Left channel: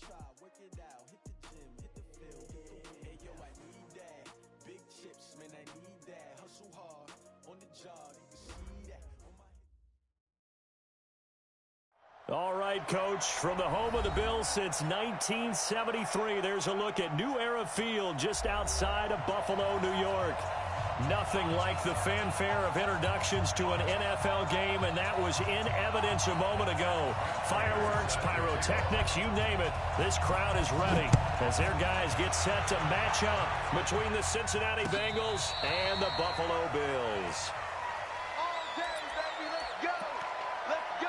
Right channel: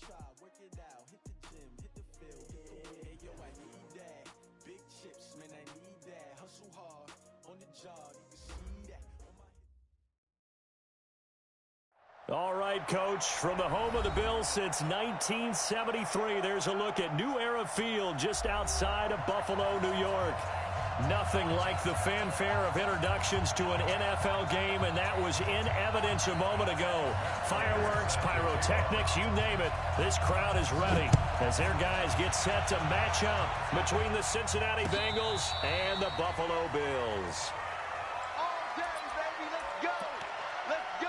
try, work it out, hit the gym, hit the field, hey yo, I need that. Big chips, man, I need that. Hustle hard on the job, you can see that on my. All right, Coach, from the home of the Bills since 1973, there's a look at New Era Field just outside of Buffalo, New York. Nothing like the fanfare of introductions to an NFL game, and that was in evidence a moment ago. Fireworks, pyrotechnics, you name it. This crowd is ready as their guys get set to match up between the Cincinnati Bengals and the Buffalo Bills. All day, baby, let's go! Let's go!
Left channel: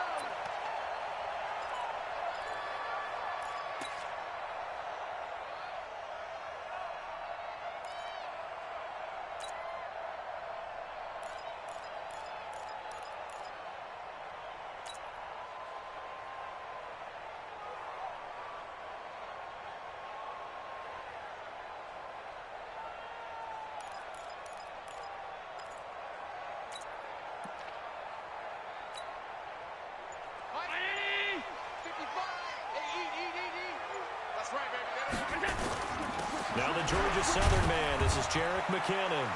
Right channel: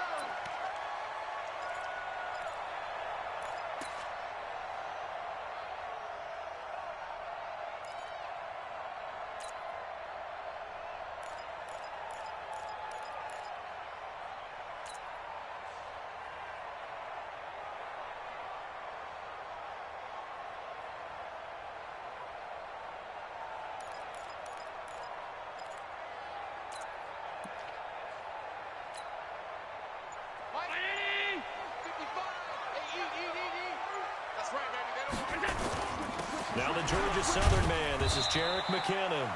Now the Georgia Southern man, this is Jerick McKinnon.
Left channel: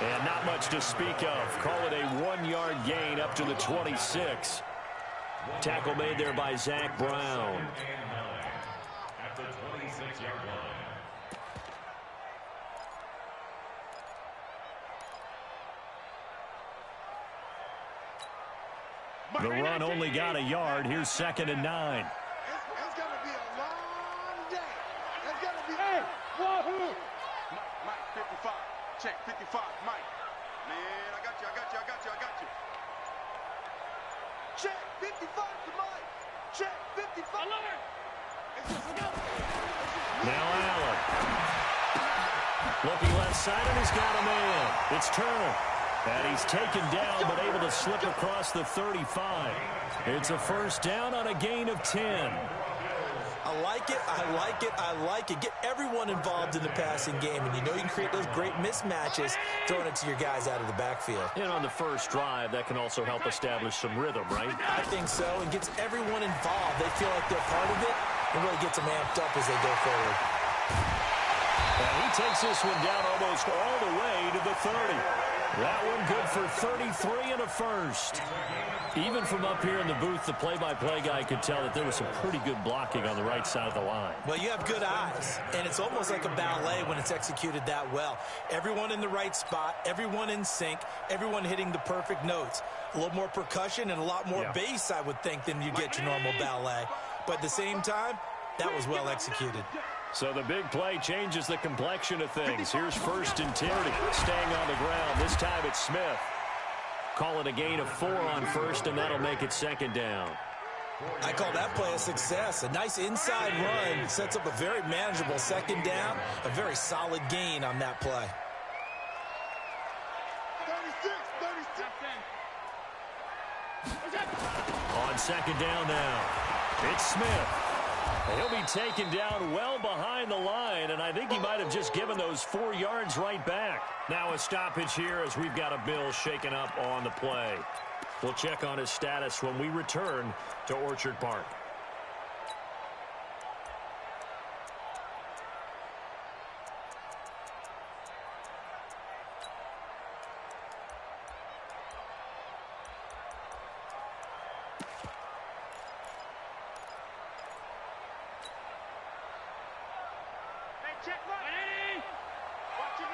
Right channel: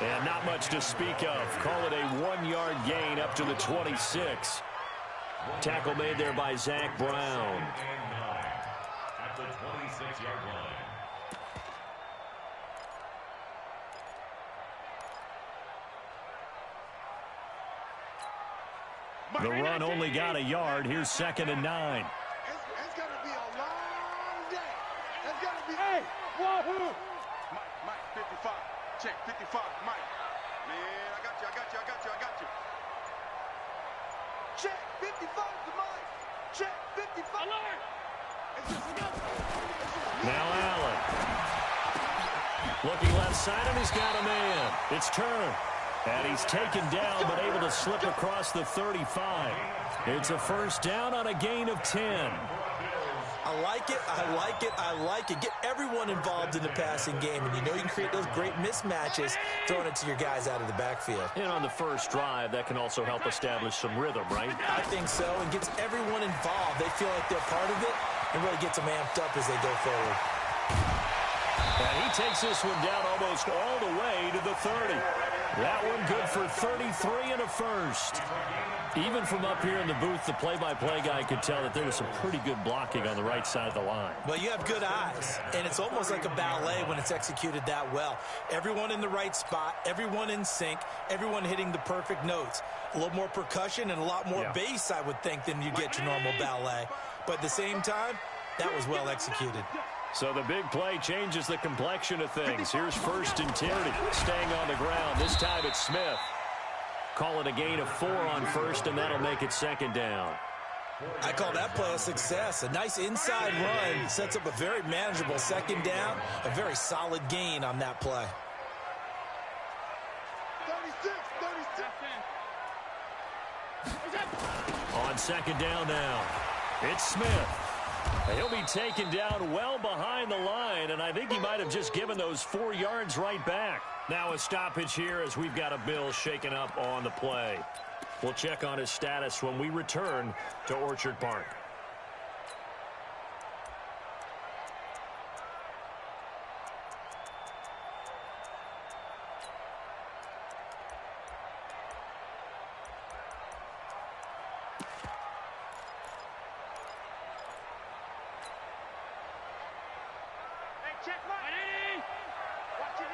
And not much to speak of. Call it a 1-yard gain up to the 26. Tackle made there by Zach Brown. At the 26-yard line. The run only got a yard. Here's 2nd and 9. It's going to be a long day. It's going to be... Hey, wahoo! Mike, 55. Check, 55, Mike. Man, I got you. Check, 55 to Mike. Check, 55. Alert! Now Allen. Looking left side, and he's got a man. It's Turner. And he's taken down, but able to slip across the 35. It's a first down on a gain of 10. I like it. Get everyone involved in the passing game, and you know you can create those great mismatches throwing it to your guys out of the backfield. And on the first drive, that can also help establish some rhythm, right? I think so, and gets everyone involved. They feel like they're part of it, and really gets them amped up as they go forward. And he takes this one down almost all the way to the 30. That one good for 33 and a first. Even from up here in the booth, the play-by-play guy could tell that there was some pretty good blocking on the right side of the line. Well, you have good eyes, and it's almost like a ballet when it's executed that well. Everyone in the right spot, everyone in sync, everyone hitting the perfect notes. A little more percussion and a lot more bass, I would think, than you get your normal ballet. But at the same time, that was well executed. So the big play changes the complexion of things. Here's 1st and 10, staying on the ground. This time it's Smith. Call it a gain of 4 on 1st, and that'll make it 2nd down. I call that play a success. A nice inside run sets up a very manageable 2nd down. A very solid gain on that play. 36. On 2nd down now, it's Smith. He'll be taken down well behind the line, and I think he might have just given those 4 yards right back. Now a stoppage here as we've got a Bill shaken up on the play. We'll check on his status when we return to Orchard Park. Check right. Watch it,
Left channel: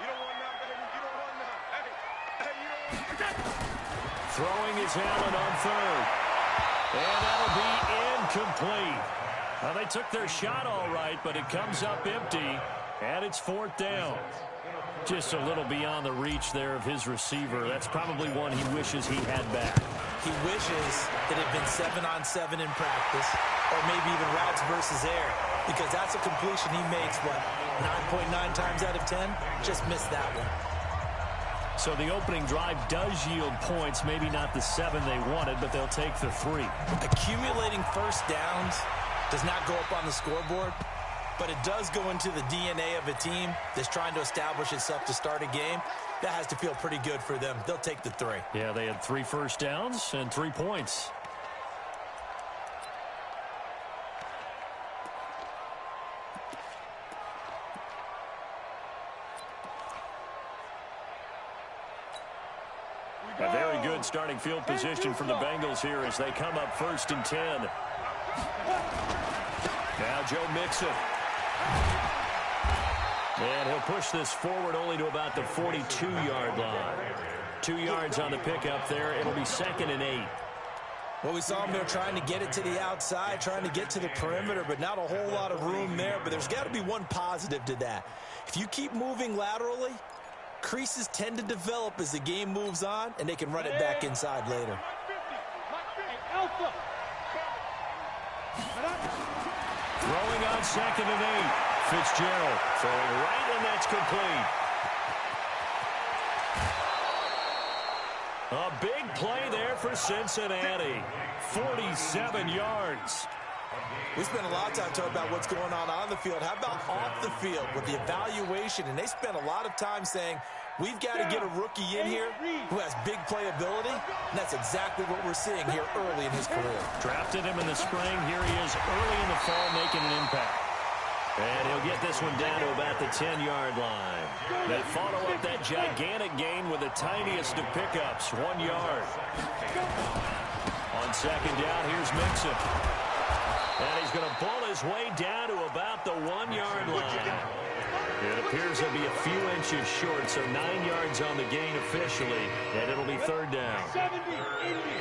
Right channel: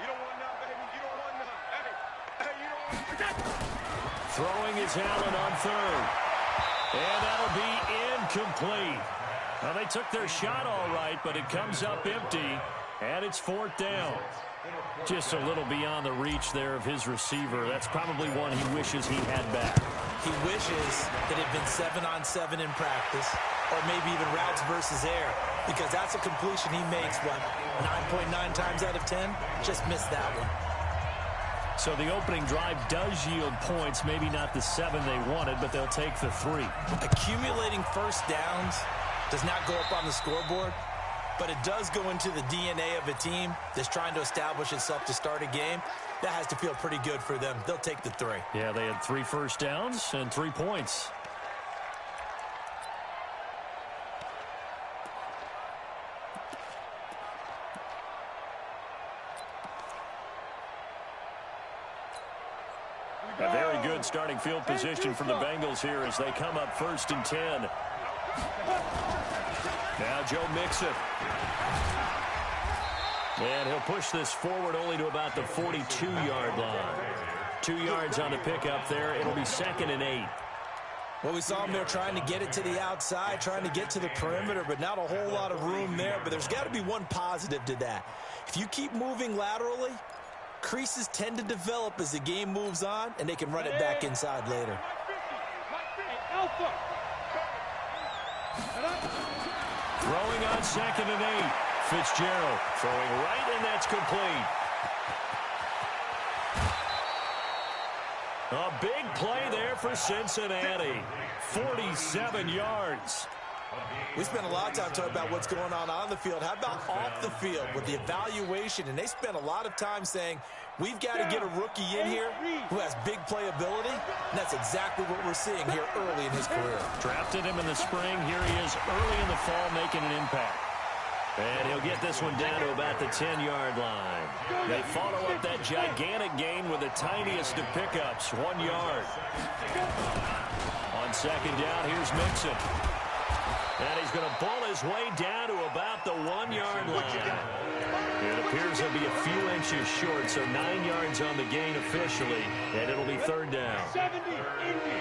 you don't want none, baby. You don't want none. Hey, you don't want none. Throwing is Allen on 3rd. And that'll be incomplete. Well, they took their shot all right, but it comes up empty, and it's 4th down. Just a little beyond the reach there of his receiver. That's probably one he wishes he had back. He wishes it had been 7-on-7 in practice, or maybe even routes versus air, because that's a completion he makes, 9.9 times out of 10? Just missed that one. So the opening drive does yield points, maybe not the 7 they wanted, but they'll take the 3. Accumulating first downs does not go up on the scoreboard, but it does go into the DNA of a team that's trying to establish itself to start a game. That has to feel pretty good for them. They'll take the 3. Yeah, they had 3 first downs and 3 points. A very good starting field position for the Bengals here as they come up 1st and 10. Now Joe Mixon. And he'll push this forward only to about the 42-yard line. 2 yards on the pickup there. It'll be 2nd and 8. Well, we saw him there trying to get it to the outside, trying to get to the perimeter, but not a whole lot of room there. But there's got to be one positive to that. If you keep moving laterally, creases tend to develop as the game moves on, and they can run it back inside later. Throwing on 2nd and 8. Fitzgerald throwing right, and that's complete. A big play there for Cincinnati. 47 yards. We spent a lot of time talking about what's going on the field. How about off the field with the evaluation? And they spent a lot of time saying, we've got to get a rookie in here who has big playability. And that's exactly what we're seeing here early in his career. Drafted him in the spring. Here he is early in the fall making an impact. And he'll get this one down to about the 10-yard line. They follow up that gigantic gain with the tiniest of pickups, 1 yard. On 2nd down, here's Mixon. And he's going to bull his way down to about the 1-yard line. It appears he'll be a few inches short, so 9 yards on the gain officially, and it'll be 3rd down. 70, Indy.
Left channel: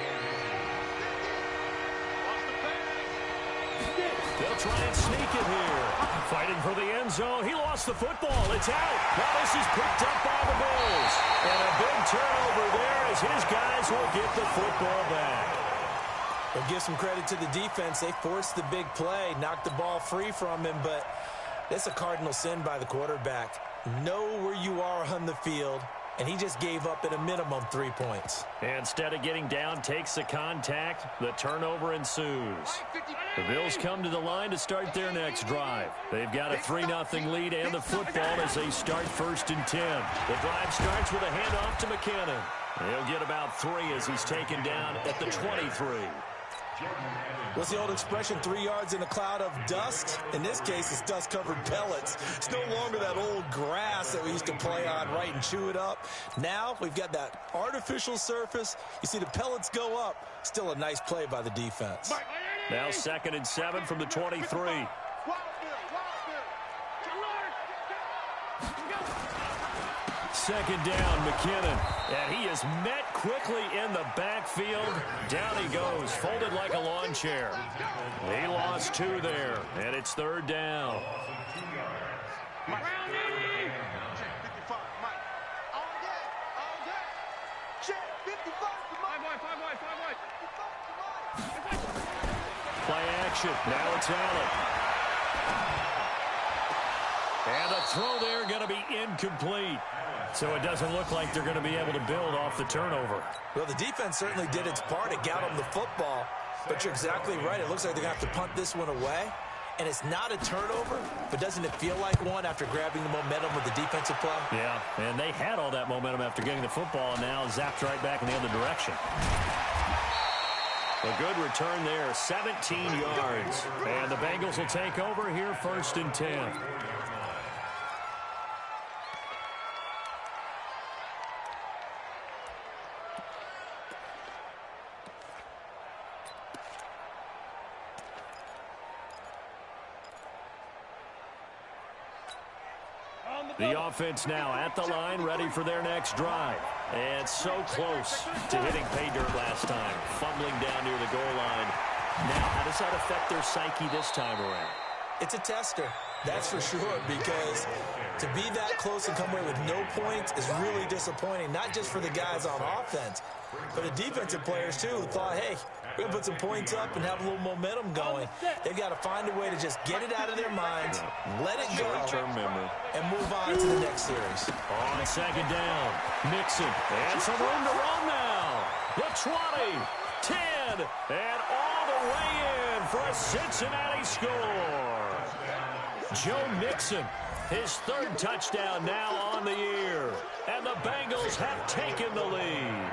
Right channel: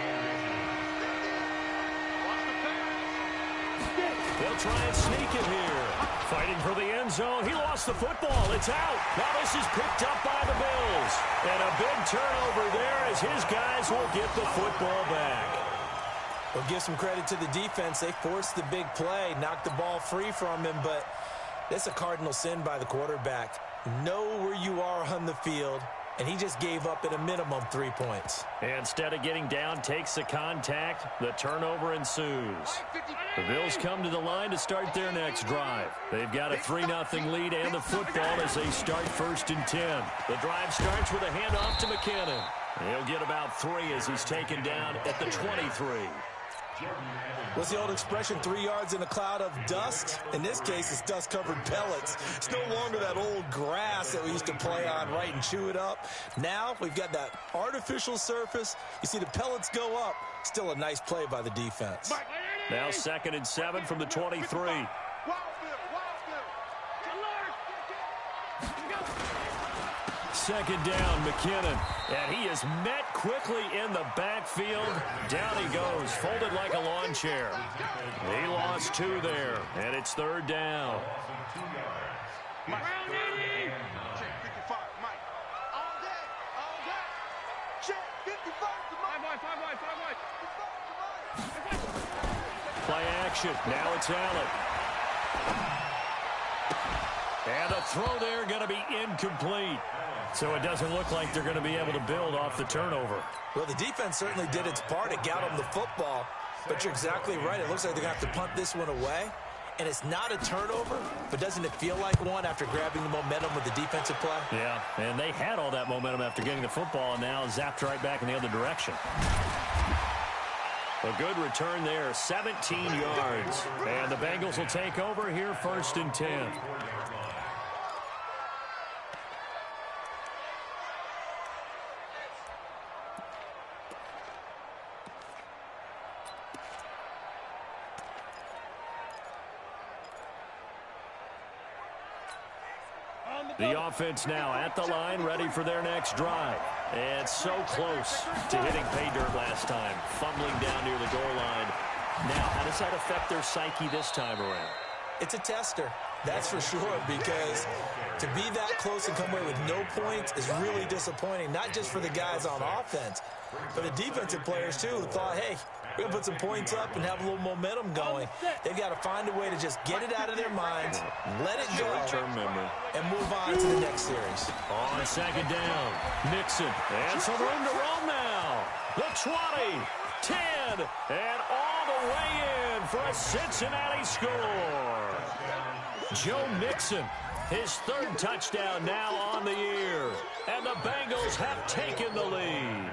They'll try and sneak it here. Fighting for the end zone. He lost the football. It's out. Now this is picked up by the Bills. And a big turnover there as his guys will get the football back. We'll give some credit to the defense. They forced the big play, knocked the ball free from him, but it's a cardinal sin by the quarterback. Know where you are on the field, and he just gave up at a minimum 3 points. Instead of getting down, takes the contact. The turnover ensues. The Bills come to the line to start their next drive. They've got a 3-0 lead and the football as they start 1st and 10. The drive starts with a handoff to McKinnon. He'll get about 3 as he's taken down at the 23. What's the old expression, 3 yards in a cloud of dust? In this case, it's dust-covered pellets. It's no longer that old grass that we used to play on, right, and chew it up. Now we've got that artificial surface. You see the pellets go up. Still a nice play by the defense. Now 2nd and 7 from the 23. 2nd down, McKinnon. And he is met quickly in the backfield. Down he goes, folded like a lawn chair. He lost 2 there, and it's 3rd down. Brown 80. Check 55, Mike. All day, all day. Check 55 to Mike. 5 wide. 55 to Mike. Play action. Now it's Allen. And the throw there going to be incomplete. So it doesn't look like they're going to be able to build off the turnover. Well, the defense certainly did its part. It got them the football. But you're exactly right. It looks like they're going to have to punt this one away. And it's not a turnover, but doesn't it feel like one after grabbing the momentum with the defensive play? Yeah, and they had all that momentum after getting the football and now zapped right back in the other direction. A good return there, 17 yards. And the Bengals will take over here 1st and 10. The offense now at the line, ready for their next drive. And so close to hitting pay dirt last time, fumbling down near the goal line. Now, how does that affect their psyche this time around? It's a tester, that's for sure, because to be that close and come away with no points is really disappointing, not just for the guys on offense, but the defensive players, too, who thought, hey, we're going to put some points up and have a little momentum going. They've got to find a way to just get it out of their minds, let it go, and move on to the next series. On 2nd down, Mixon, and some room to run now. The 20, 10, and all the way in for a Cincinnati score. Joe Mixon, his 3rd touchdown now on the year, and the Bengals have taken the lead.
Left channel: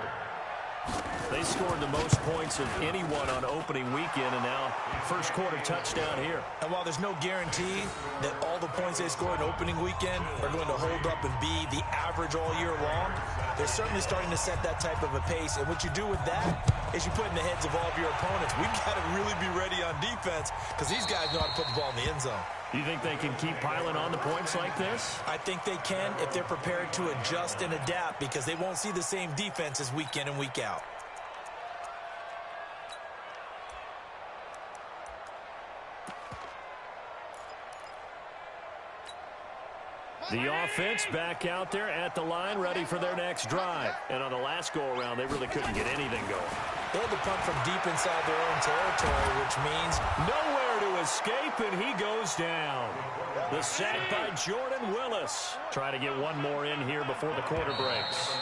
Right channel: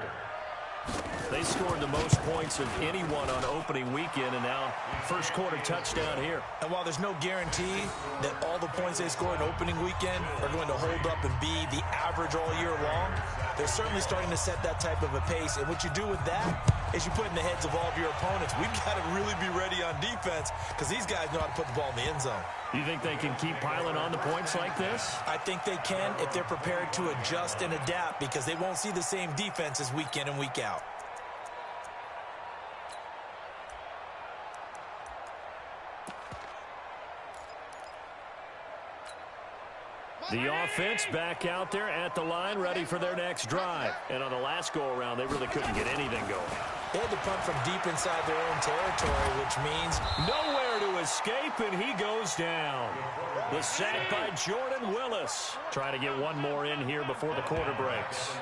They they scored the most points of anyone on opening weekend, and now first quarter touchdown here. And while there's no guarantee that all the points they scored in opening weekend are going to hold up and be the average all year long, they're certainly starting to set that type of a pace. And what you do with that is you put in the heads of all of your opponents, we've got to really be ready on defense because these guys know how to put the ball in the end zone. You think they can keep piling on the points like this? I think they can if they're prepared to adjust and adapt because they won't see the same defenses week in and week out. The offense back out there at the line, ready for their next drive. And on the last go-around, they really couldn't get anything going. They had to punt from deep inside their own territory, which means nowhere to escape, and he goes down. The sack by Jordan Willis. Try to get one more in here before the quarter breaks.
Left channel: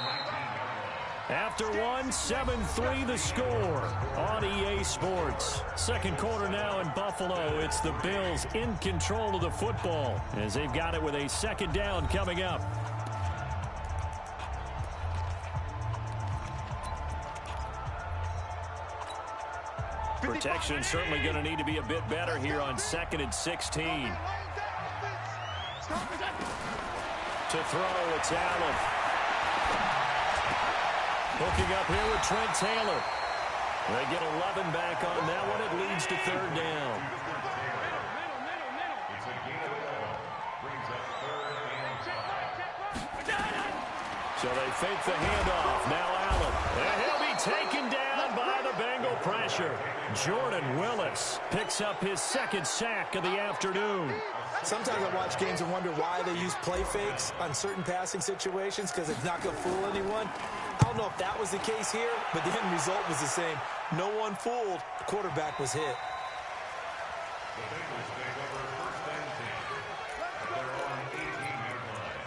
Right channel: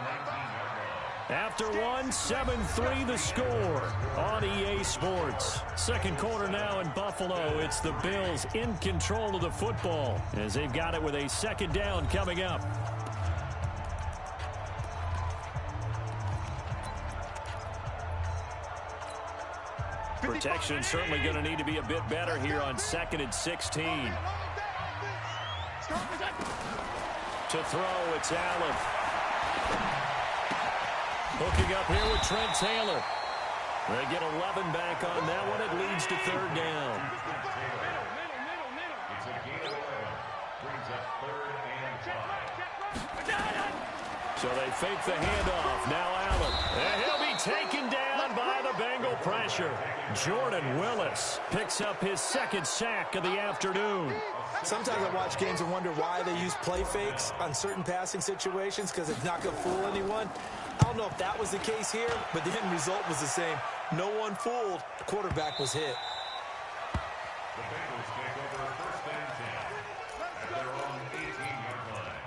After one, 7-3 the score on EA Sports. Second quarter now in Buffalo. It's the Bills in control of the football as they've got it with a second down coming up. Protection certainly going to need to be a bit better here on 2nd and 16. To throw, it's Allen. Hooking up here with Trent Taylor. They get 11 back on that one. It leads to third down. It's a gain of 11. Brings up 3rd and 5. So they fake the handoff. Now Allen. And he'll be taken down by the Bengal pressure. Jordan Willis picks up his second sack of the afternoon. Sometimes I watch games and wonder why they use play fakes on certain passing situations because it's not going to fool anyone. I don't know if that was the case here, but the end result was the same. No one fooled. The quarterback was hit. The Bengals take over 1st and 10 at their own 18-yard line.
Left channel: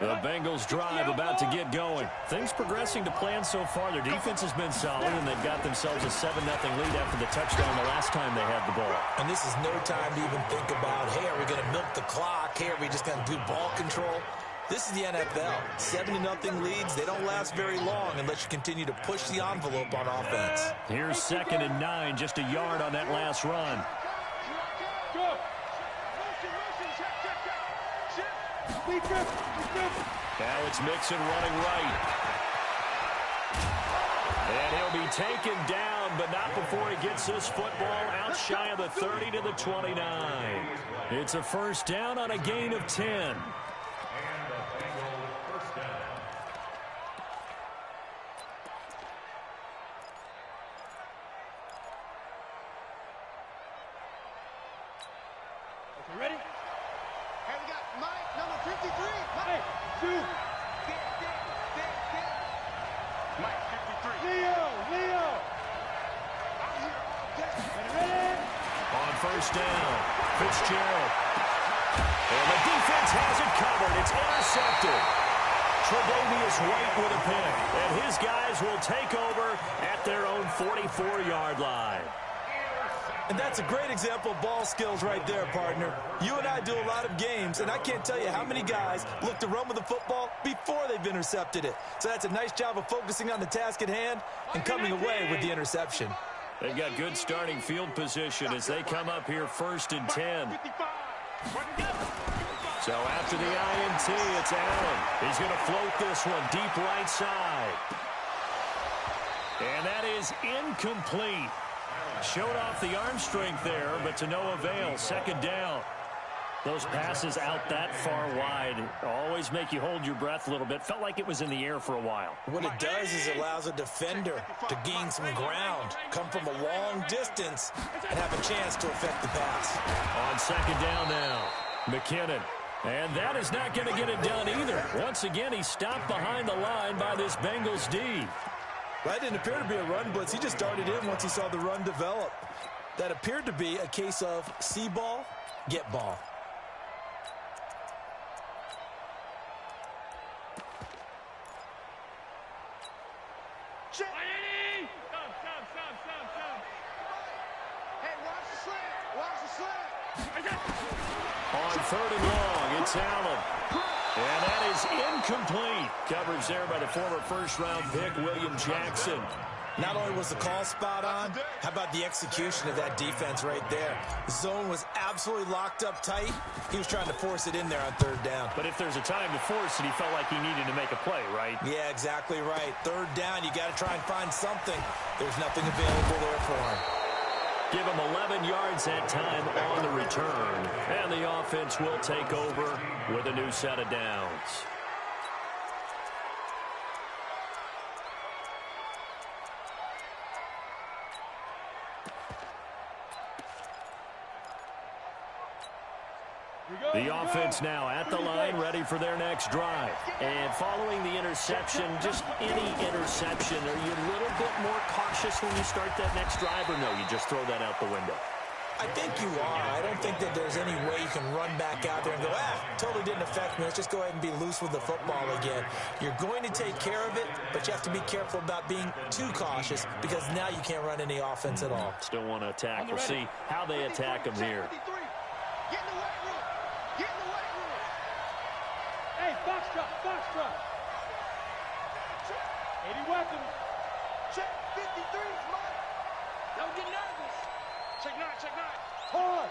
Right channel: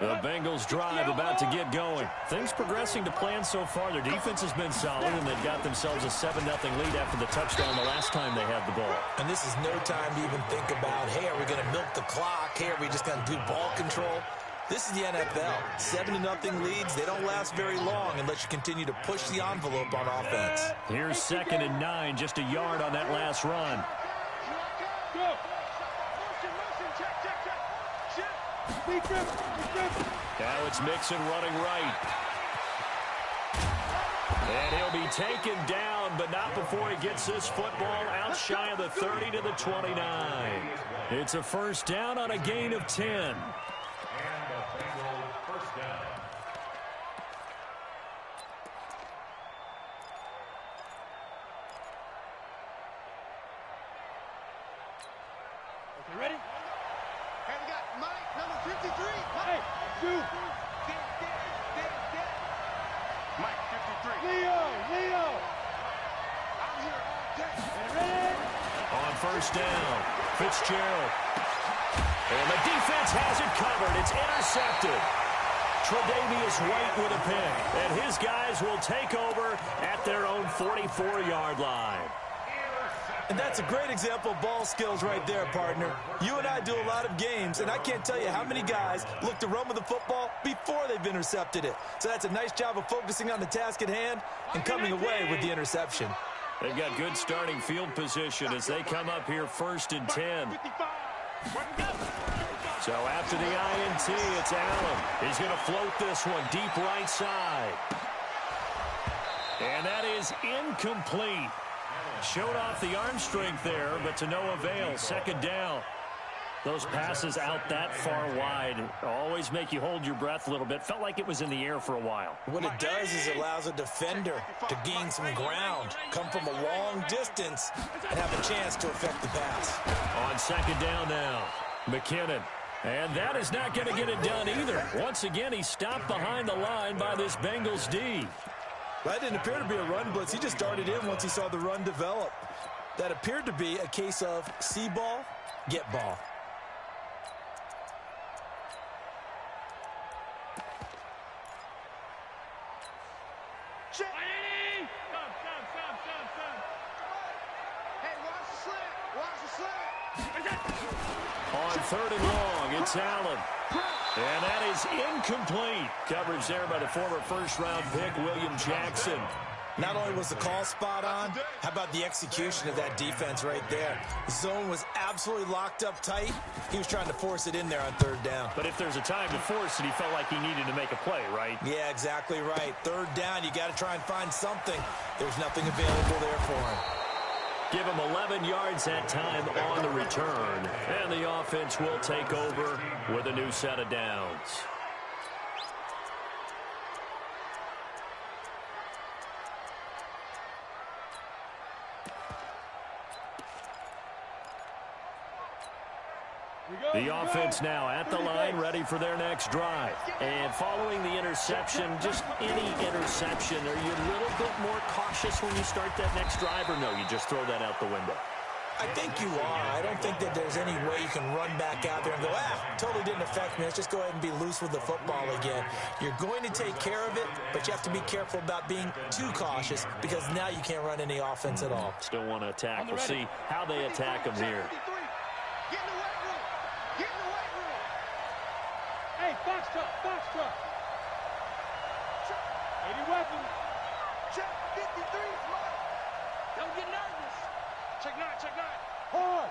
The Bengals drive about to get going. Things progressing to plan so far. Their defense has been solid, and they've got themselves a 7-0 lead after the touchdown the last time they had the ball. And this is no time to even think about, hey, are we going to milk the clock? Hey, are we just going to do ball control? This is the NFL. 7-0 leads. They don't last very long unless you continue to push the envelope on offense. Here's 2nd and 9, just a yard on that last run. Go. Now it's Mixon running right. And he'll be taken down, but not before he gets this football out shy of the 30 to the 29. It's a first down on a gain of 10. And a Bengal 1st down. Okay, ready? Hey, we got Mike, number 53. Mike. Hey, 2. Mike, 53. Leo. I'm here all day. Ready? On first down, Fitzgerald. And the defense has it covered. It's intercepted. Tre'Davious White with a pick. And his guys will take over at their own 44-yard line. And that's a great example of ball skills right there, partner. You and I do a lot of games, and I can't tell you how many guys look to run with the football before they've intercepted it. So that's a nice job of focusing on the task at hand and coming away with the interception. They've got good starting field position as they come up here 1st and 10. So after the INT, it's Allen. He's going to float this one deep right side. And that is incomplete. Showed off the arm strength there, but to no avail. 2nd down. Those passes out that far wide always make you hold your breath a little bit. Felt like it was in the air for a while. What it does is it allows a defender to gain some ground, come from a long distance, and have a chance to affect the pass. On 2nd down now, McKinnon. And that is not going to get it done either. Once again, he stopped behind the line by this Bengals D. That didn't appear to be a run blitz. He just darted in once he saw the run develop. That appeared to be a case of see ball, get ball. Stop. Hey, watch the slant. On 3rd and long, It's Allen. And that is incomplete. Coverage there by the former first-round pick, William Jackson. Not only was the call spot on, how about the execution of that defense right there? The zone was absolutely locked up tight. He was trying to force it in there on third down. But if there's a time to force it, he felt like he needed to make a play, right? Yeah, exactly right. Third down, you got to try and find something. There's nothing available there for him. Give him 11 yards that time on the return. And the offense will take over with a new set of downs. The offense now at the line, ready for their next drive. And following the interception, just any interception, are you a little bit more cautious when you start that next drive, or no, you just throw that out the window? I think you are. I don't think that there's any way you can run back out there and go, totally didn't affect me. Let's just go ahead and be loose with the football again. You're going to take care of it, but you have to be careful about being too cautious because now you can't run any offense at all. Still want to attack. We'll see how they attack them here. Get in the weight room. Get in the weight room. Hey, box truck. 80 weapons. Check 53's Mike. Don't get nervous. Check 9. Hard.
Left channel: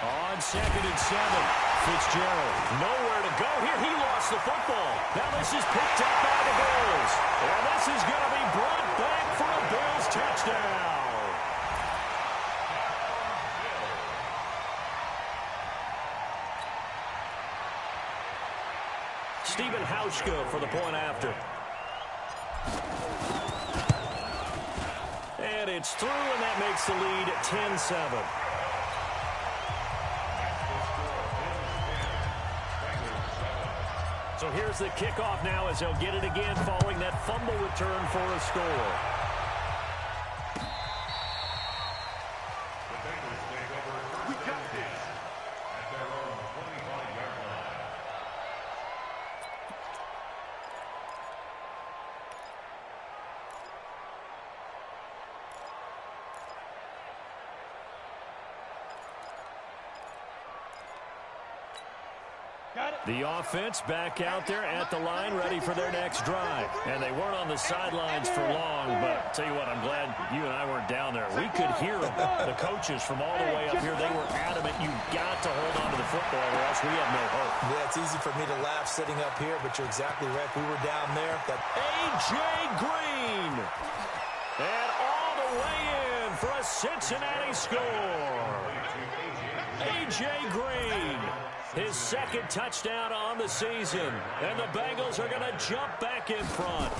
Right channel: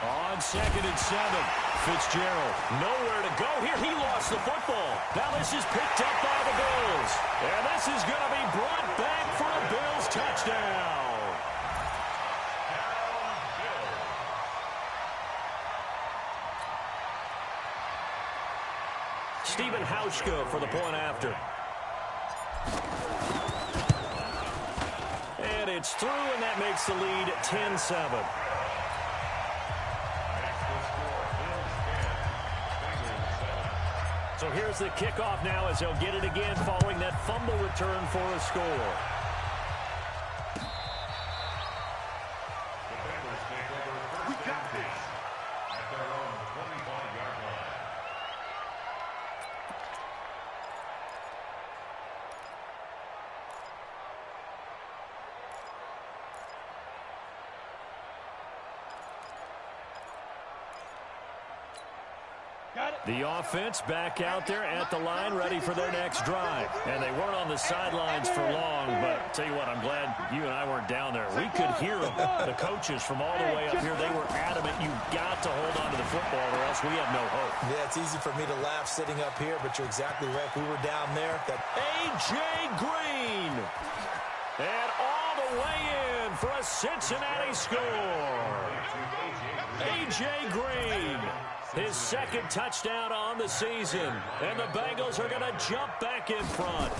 On 2nd and 7, Fitzgerald nowhere to go here. He lost the football. Now this is picked up by the Bills. And this is going to be brought back for a Bills touchdown. Stephen Hauschka for the point after. And it's through, and that makes the lead 10-7. So here's the kickoff now as they'll get it again following that fumble return for a score. The Bengals take over first and 10 at their own 25-yard line. The offense back out there at the line, ready for their next drive. And they weren't on the sidelines for long, but I'll tell you what, I'm glad you and I weren't down there. We could hear them. The coaches from all the way up here, they were adamant. You've got to hold on to the football or else we have no hope. Yeah, it's easy for me to laugh sitting up here, but you're exactly right. We were down there. A.J. Green. And all the way in for a Cincinnati score. A.J. Green. His second touchdown on the season. And the Bengals are going to jump back in front.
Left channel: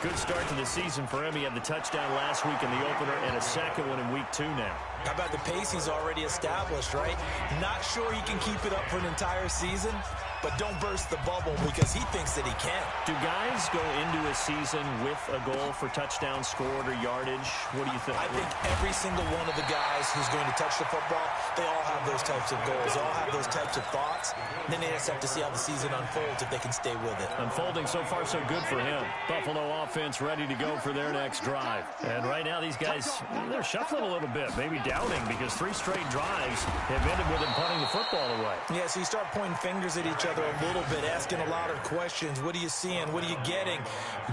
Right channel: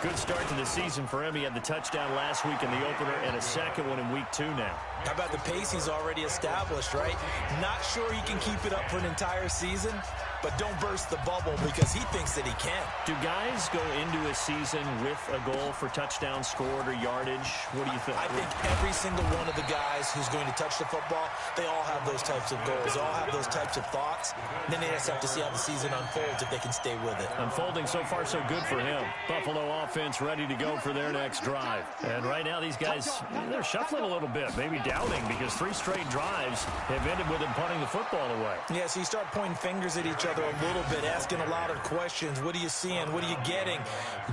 Good start to the season for him. He had the touchdown last week in the opener and a second one in week 2 now. How about the pace he's already established, right? Not sure he can keep it up for an entire season, but don't burst the bubble because he thinks that he can. Do guys go into a season with a goal for touchdowns scored or yardage? What do you think? I think every single one of the guys who's going to touch the football, they all have those types of goals. They all have those types of thoughts. And then they just have to see how the season unfolds if they can stay with it. Unfolding so far so good for him. Buffalo offense ready to go for their next drive. And right now these guys, they're shuffling a little bit, maybe doubting because 3 straight drives have ended with them punting the football away. Yeah, so you start pointing fingers at each other a little bit, asking a lot of questions. What are you seeing? What are you getting?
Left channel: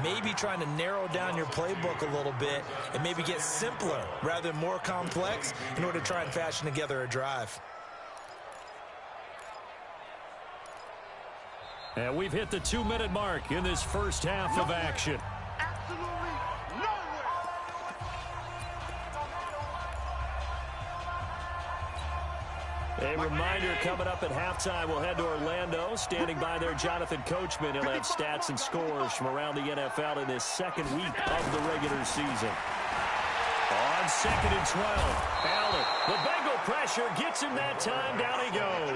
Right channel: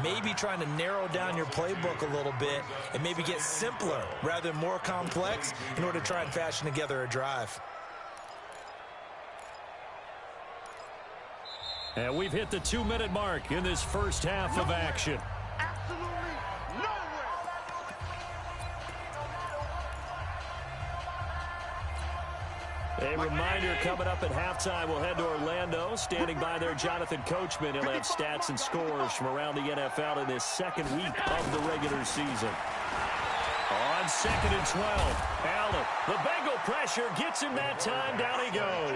Maybe trying to narrow down your playbook a little bit and maybe get simpler rather than more complex in order to try and fashion together a drive. And we've hit the 2-minute mark in this first half of action. Absolutely nowhere. A reminder coming up at halftime, we'll head to Orlando. Standing by there, Jonathan Coachman. He'll have stats and scores from around the NFL in this second week of the regular season. On 2nd and 12, Allen, the Bengal pressure gets him that time. Down he goes.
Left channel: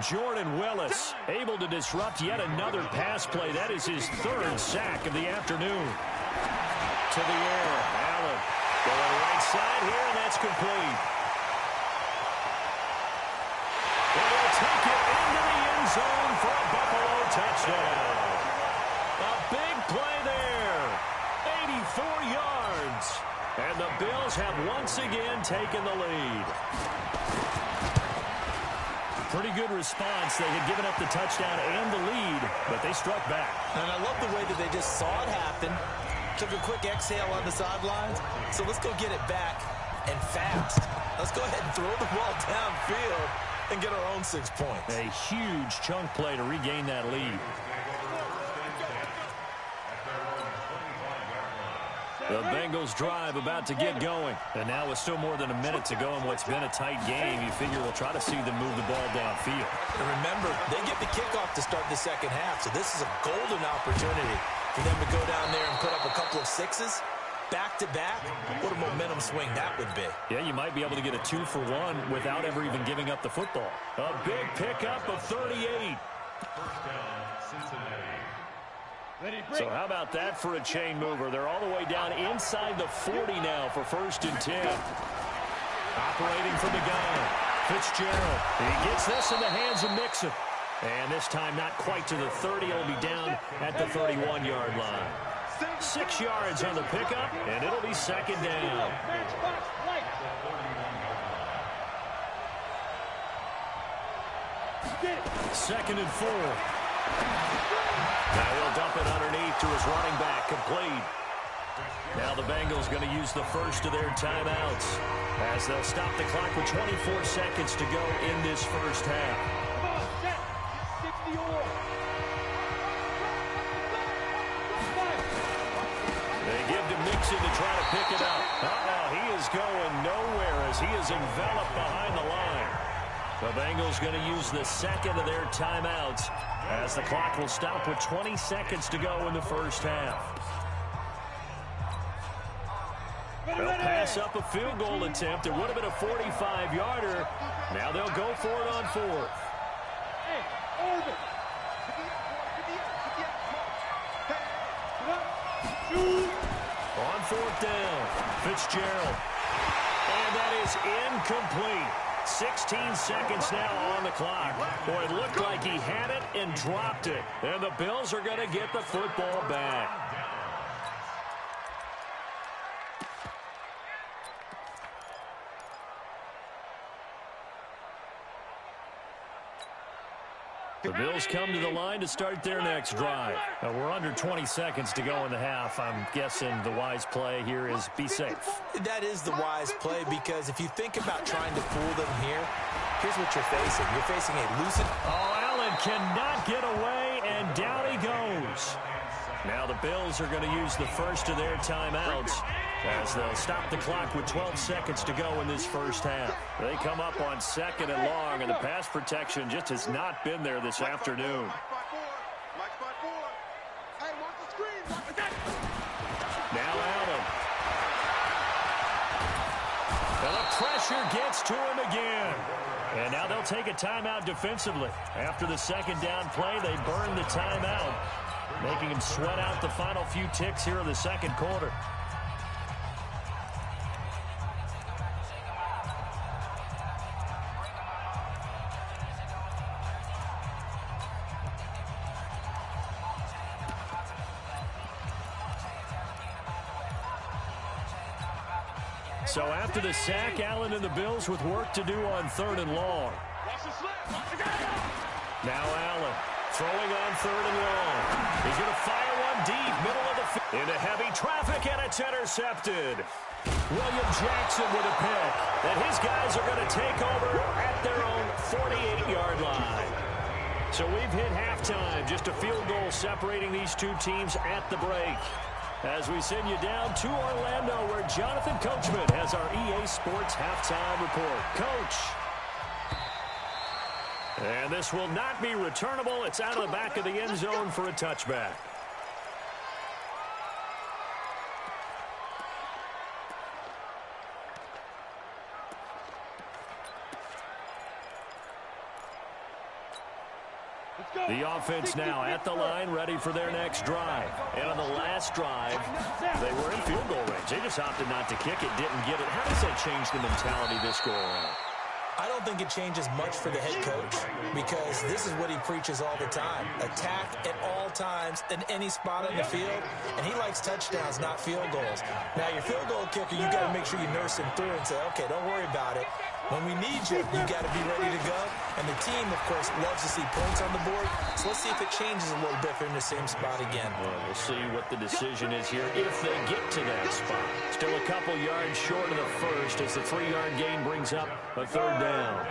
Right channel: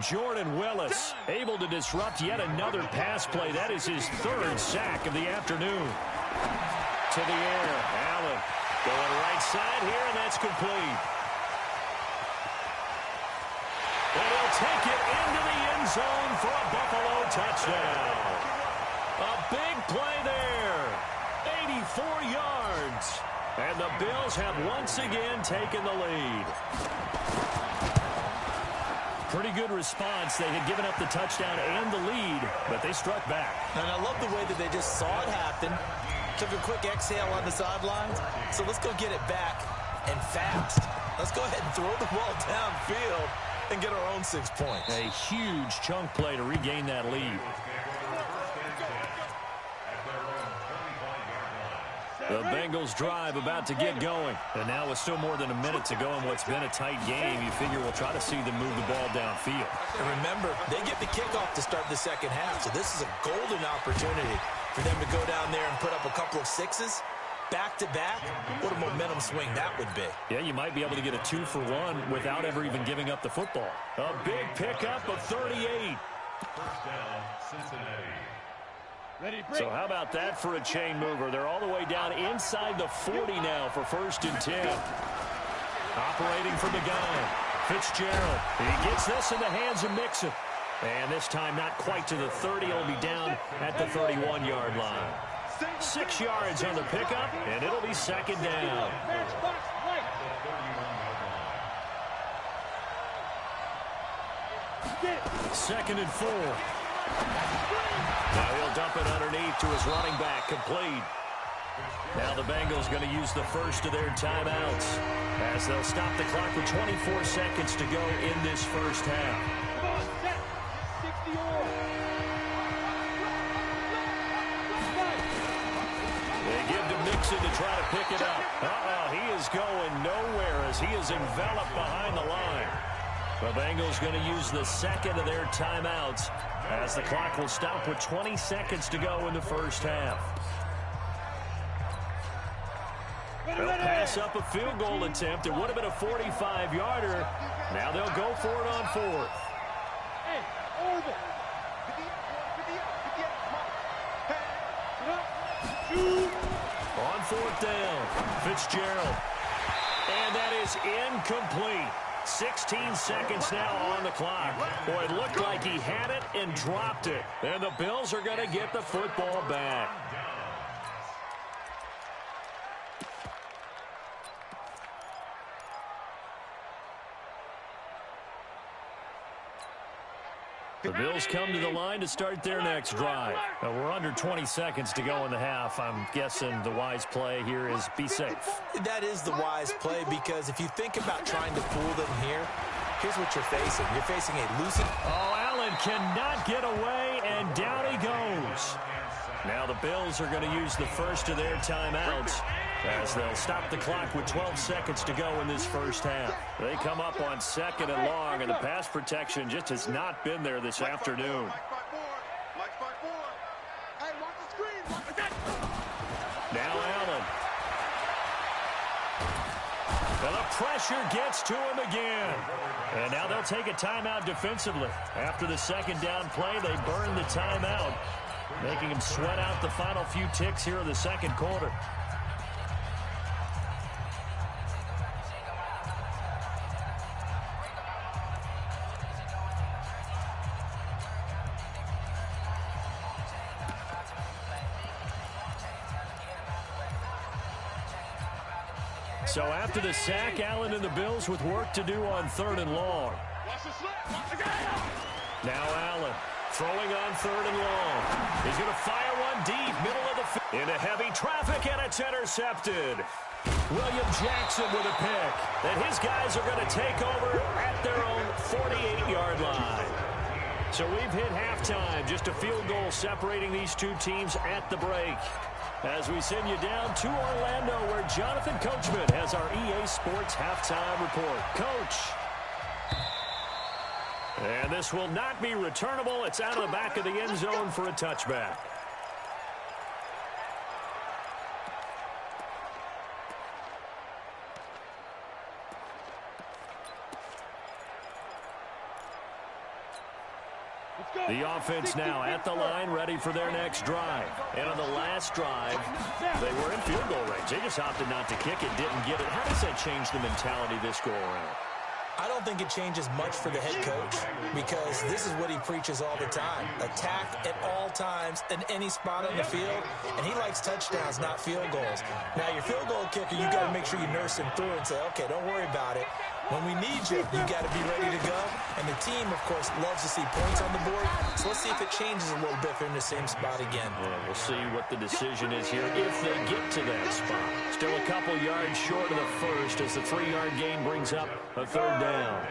Jordan Willis able to disrupt yet another pass play. That is his 3rd sack of the afternoon. To the air, Allen going right side here, and that's complete. And he'll take it into the end zone for a Buffalo touchdown. A big play there. 84 yards. And the Bills have once again taken the lead. Pretty good response. They had given up the touchdown and the lead, but they struck back. And I love the way that they just saw it happen, took a quick exhale on the sidelines. So let's go get it back and fast. Let's go ahead and throw the ball downfield and get our own 6 points. A huge chunk play to regain that lead. The Bengals drive about to get going. And now with still more than a minute to go in what's been a tight game, you figure we'll try to see them move the ball downfield. And remember, they get the kickoff to start the second half, so this is a golden opportunity for them to go down there and put up a couple of sixes back-to-back. What a momentum swing that would be. Yeah, you might be able to get a 2-for-1 without ever even giving up the football. A big pickup of 38. First down, Cincinnati. So how about that for a chain mover? They're all the way down inside the 40 now for 1st and 10. Operating from the gun, Fitzgerald. He gets this in the hands of Mixon. And this time not quite to the 30. It'll be down at the 31-yard line. 6 yards on the pickup, and it'll be 2nd down. 2nd and 4. Now he'll dump it underneath to his running back, complete. Now the Bengals going to use the first of their timeouts as they'll stop the clock with 24 seconds to go in this first half. Come on, set. 60 all. They give to Mixon to try to pick it up. He is going nowhere as he is enveloped behind the line. The Bengals going to use the second of their timeouts as the clock will stop with 20 seconds to go in the first half. They'll pass up a field goal attempt. It would have been a 45-yarder. Now they'll go for it on 4th. Hey, orbit. On 4th down, Fitzgerald. And that is incomplete. 16 seconds now on the clock. Boy, it looked like he had it and dropped it. And the Bills are going to get the football back. The Bills come to the line to start their next drive. We're under 20 seconds to go in the half. I'm guessing the wise play here is be safe. That is the wise play because if you think about trying to fool them here, here's what you're facing. You're facing a loosened... Allen cannot get away, and down he goes. Now the Bills are going to use the first of their timeouts as they'll stop the clock with 12 seconds to go in this first half. They come up on 2nd and long, and the pass protection just has not been there this afternoon. Now Allen. And the pressure gets to him again. And now they'll take a timeout defensively. After the 2nd down play, they burn the timeout, making him sweat out the final few ticks here in the 2nd quarter. So after the sack, Allen and the Bills with work to do on 3rd and long. Now Allen throwing on 3rd and long. He's going to fire one deep, middle of the field. Into heavy traffic, and it's intercepted. William Jackson with a pick. And his guys are going to take over at their own 48-yard line. So we've hit halftime. Just a field goal separating these two teams at the break. As we send you down to Orlando, where Jonathan Coachman has our EA Sports halftime report. Coach. And this will not be returnable. It's out of the back of the end zone for a touchback. The offense now at the line, ready for their next drive. And on the last drive, they were in field goal range. They just opted not to kick it, didn't get it. How does that change the mentality this go-around? I don't think it changes much for the head coach because this is what he preaches all the time. Attack at all times in any spot on the field, and he likes touchdowns, not field goals. Now, your field goal kicker, you got to make sure you nurse him through and say, okay, don't worry about it. When we need you, you got to be ready to go. And the team, of course, loves to see points on the board. So let's see if it changes a little bit if they're in the same spot again. Yeah, we'll see what the decision is here if they get to that spot. Still a couple yards short of the first as the 3-yard gain brings up a third down.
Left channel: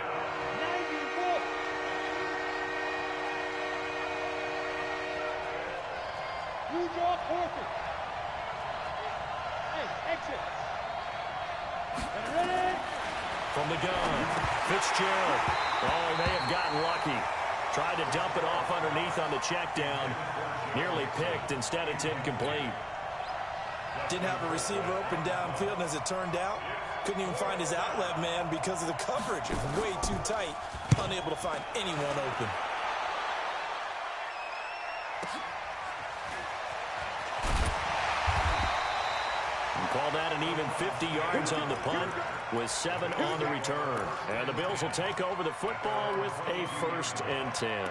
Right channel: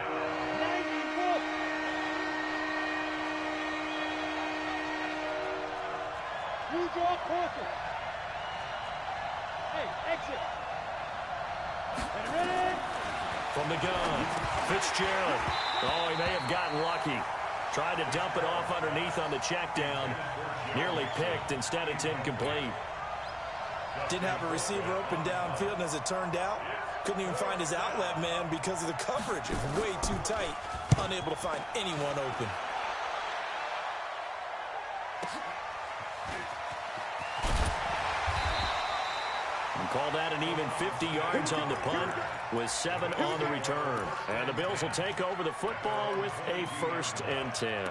New draw Corker. Hey, exit. Ready? From the gun, Fitzgerald. Oh, he may have gotten lucky. Tried to dump it off underneath on the check down. Nearly picked. Instead, it's incomplete. Didn't have a receiver open downfield, and as it turned out, couldn't even find his outlet man because of the coverage. It was way too tight. Unable to find anyone open. Call that an even 50 yards on the punt with 7 on the return. And the Bills will take over the football with a 1st and 10.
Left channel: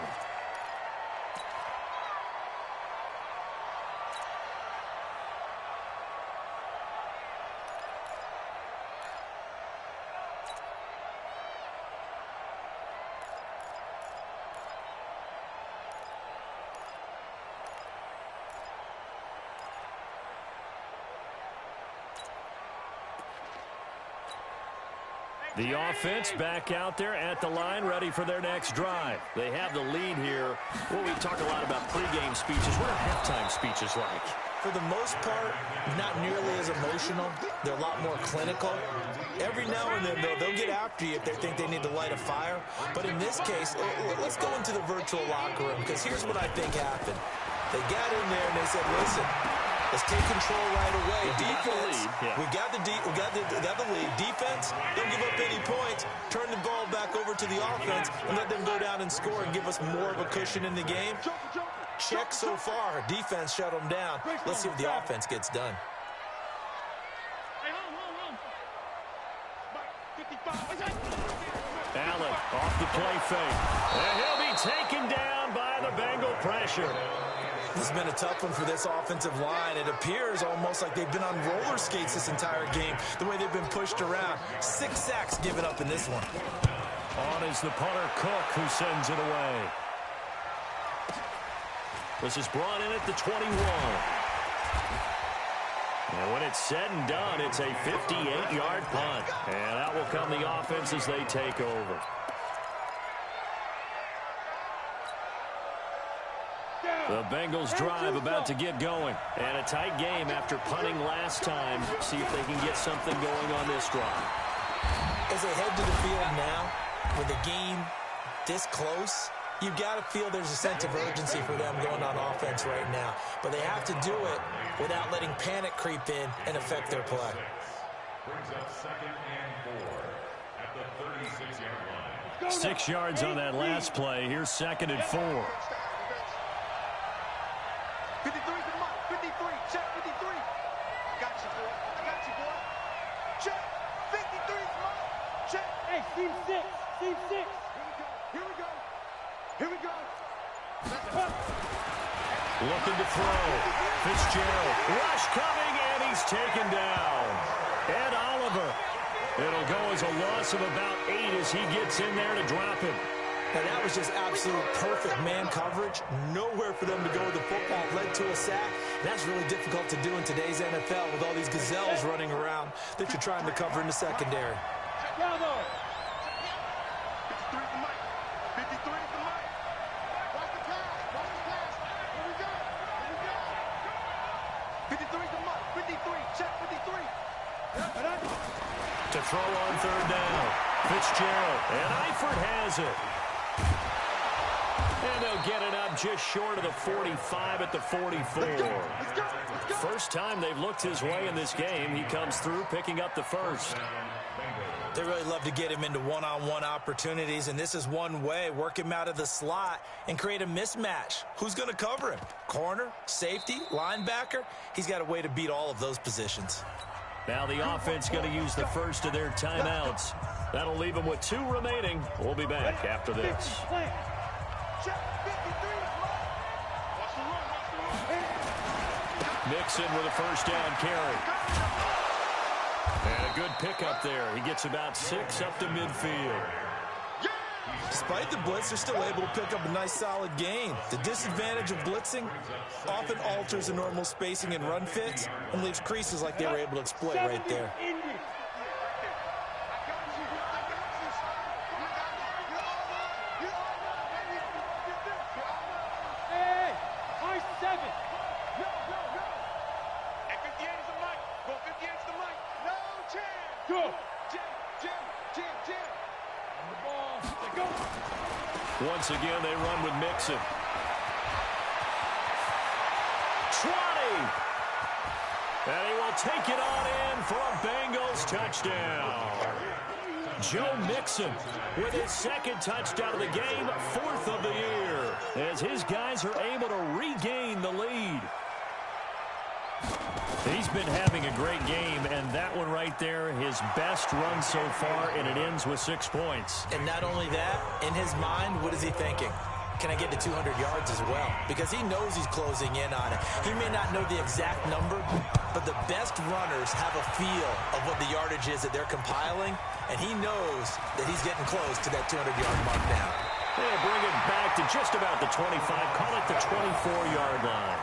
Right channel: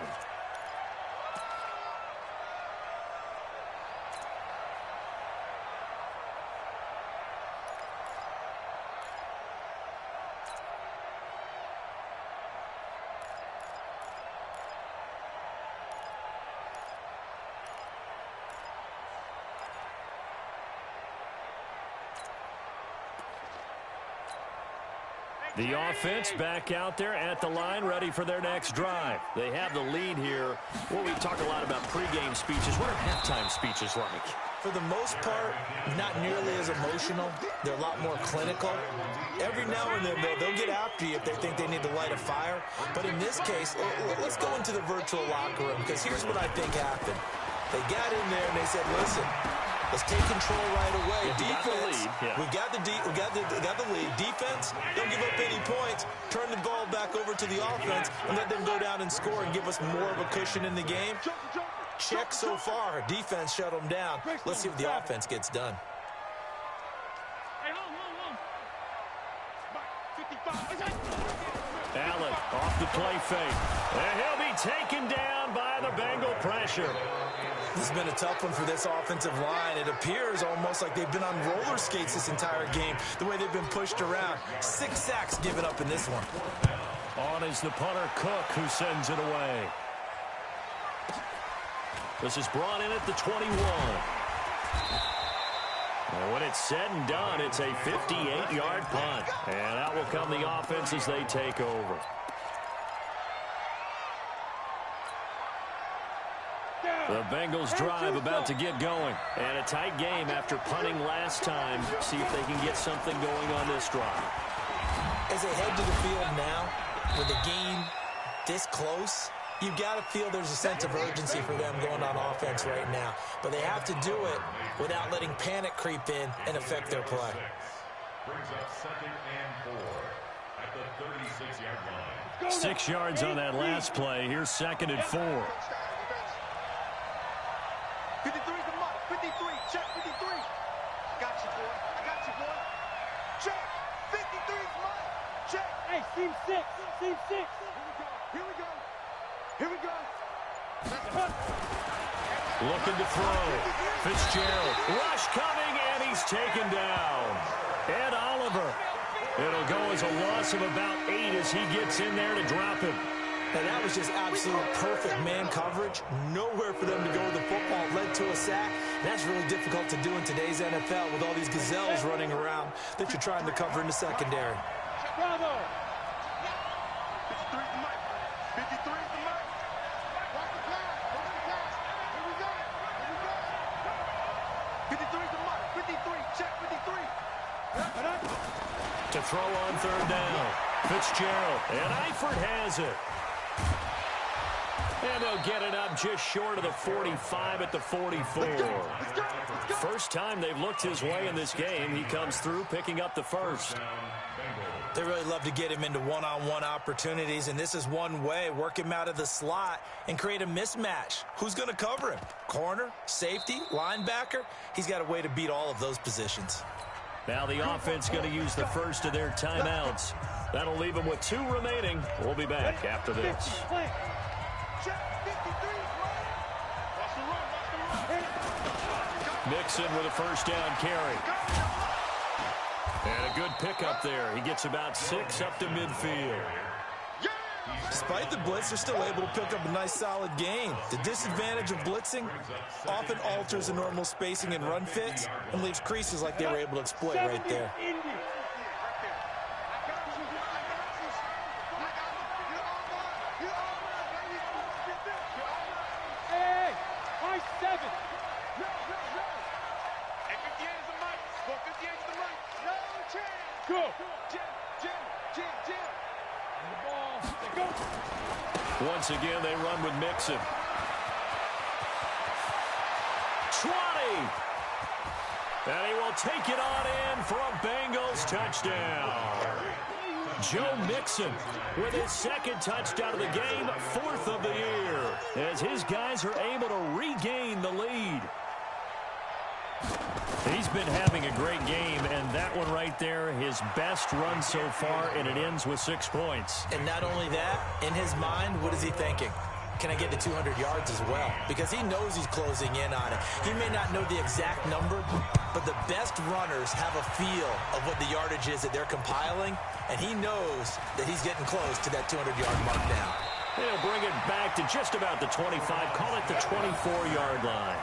The offense back out there at the line, ready for their next drive. They have the lead here. Well, we talk a lot about pregame speeches. What are halftime speeches like? For the most part, not nearly as emotional. They're a lot more clinical. Every now and then, they'll get after you if they think they need to light a fire. But in this case, let's go into the virtual locker room, because here's what I think happened. They got in there and they said, listen, let's take control right away. Defense, we got the lead. Defense, don't give up any points. Turn the ball back over to the offense and let them go down and score and give us more of a cushion in the game. Check so far. Defense shut them down. Let's see if the offense gets done. Allen off the play fake. And he'll be taken down by the Bengal pressure. This has been a tough one for this offensive line. It appears almost like they've been on roller skates this entire game, the way they've been pushed around. 6 sacks given up in this one. On is the punter, Cook, who sends it away. This is brought in at the 21. And when it's said and done, it's a 58-yard punt. And out will come the offense as they take over. The Bengals drive about to get going. And a tight game after punting last time. See if they can get something going on this drive. As they head to the field now, with the game this close, you've got to feel there's a sense of urgency for them going on offense right now. But they have to do it without letting panic creep in and affect their play. Brings up 2nd and 4 at the 36-yard line. 6 yards on that last play. Here's 2nd and 4. 53 is the mark. 53. Check 53. I got you, boy. I got you, boy. Check. 53 is mine. Check. Hey, seam 6. Seam 6. Here we go. Here we go. Looking to throw. Fitzgerald. Rush coming, and he's taken down. Ed Oliver. It'll go as a loss of about 8 as he gets in there to drop him. Now, that was just absolute perfect man coverage. Nowhere for them to go with the football. Led to a sack. And that's really difficult to do in today's NFL with all these gazelles running around that you're trying to cover in the secondary. Bravo. 53 is the mic. 53 is the mic. Watch the pass. Watch the pass. Here we go. Here we go. 53 is the mic. 53. Check 53. To throw on 3rd down. Fitzgerald. And Eifert has it. And they'll get it up just short of the 45 at the 44. First time they've looked his way in this game. He comes through picking up the first. They really love to get him into one-on-one opportunities, and this is one way. Work him out of the slot and create a mismatch. Who's going to cover him? Corner, safety, linebacker? He's got a way to beat all of those positions. Now the offense going to use the first of their timeouts. That'll leave them with 2 remaining. We'll be back after this. Check 53 is mine. Watch the run. Watch the run. Mixon with a first down carry. And a good pickup there. He gets about 6 up to midfield. Despite the blitz, they're still able to pick up a nice solid gain. The disadvantage of blitzing often alters the normal spacing and run fits and leaves creases like they were able to exploit right there. Hey, high 7. No. And 58 is the mic. Well, 58 is the mic. No chance. Go. Jim. On the ball. They go. Once again, they run with Mixon. 20. And he will take it on in for a Bengals touchdown. Joe Mixon with his second touchdown of the game, 4th of the year, as his guys are able to regain the lead. He's been having a great game, and that one right there, his best run so far, and it ends with 6 points. And not only that, in his mind, what is he thinking? Can I get to 200 yards as well? Because he knows he's closing in on it. He may not know the exact number, but the best runners have a feel of what the yardage is that they're compiling, and he knows that he's getting close to that 200-yard mark now. They'll bring it back to just about the 25, call it the 24-yard line.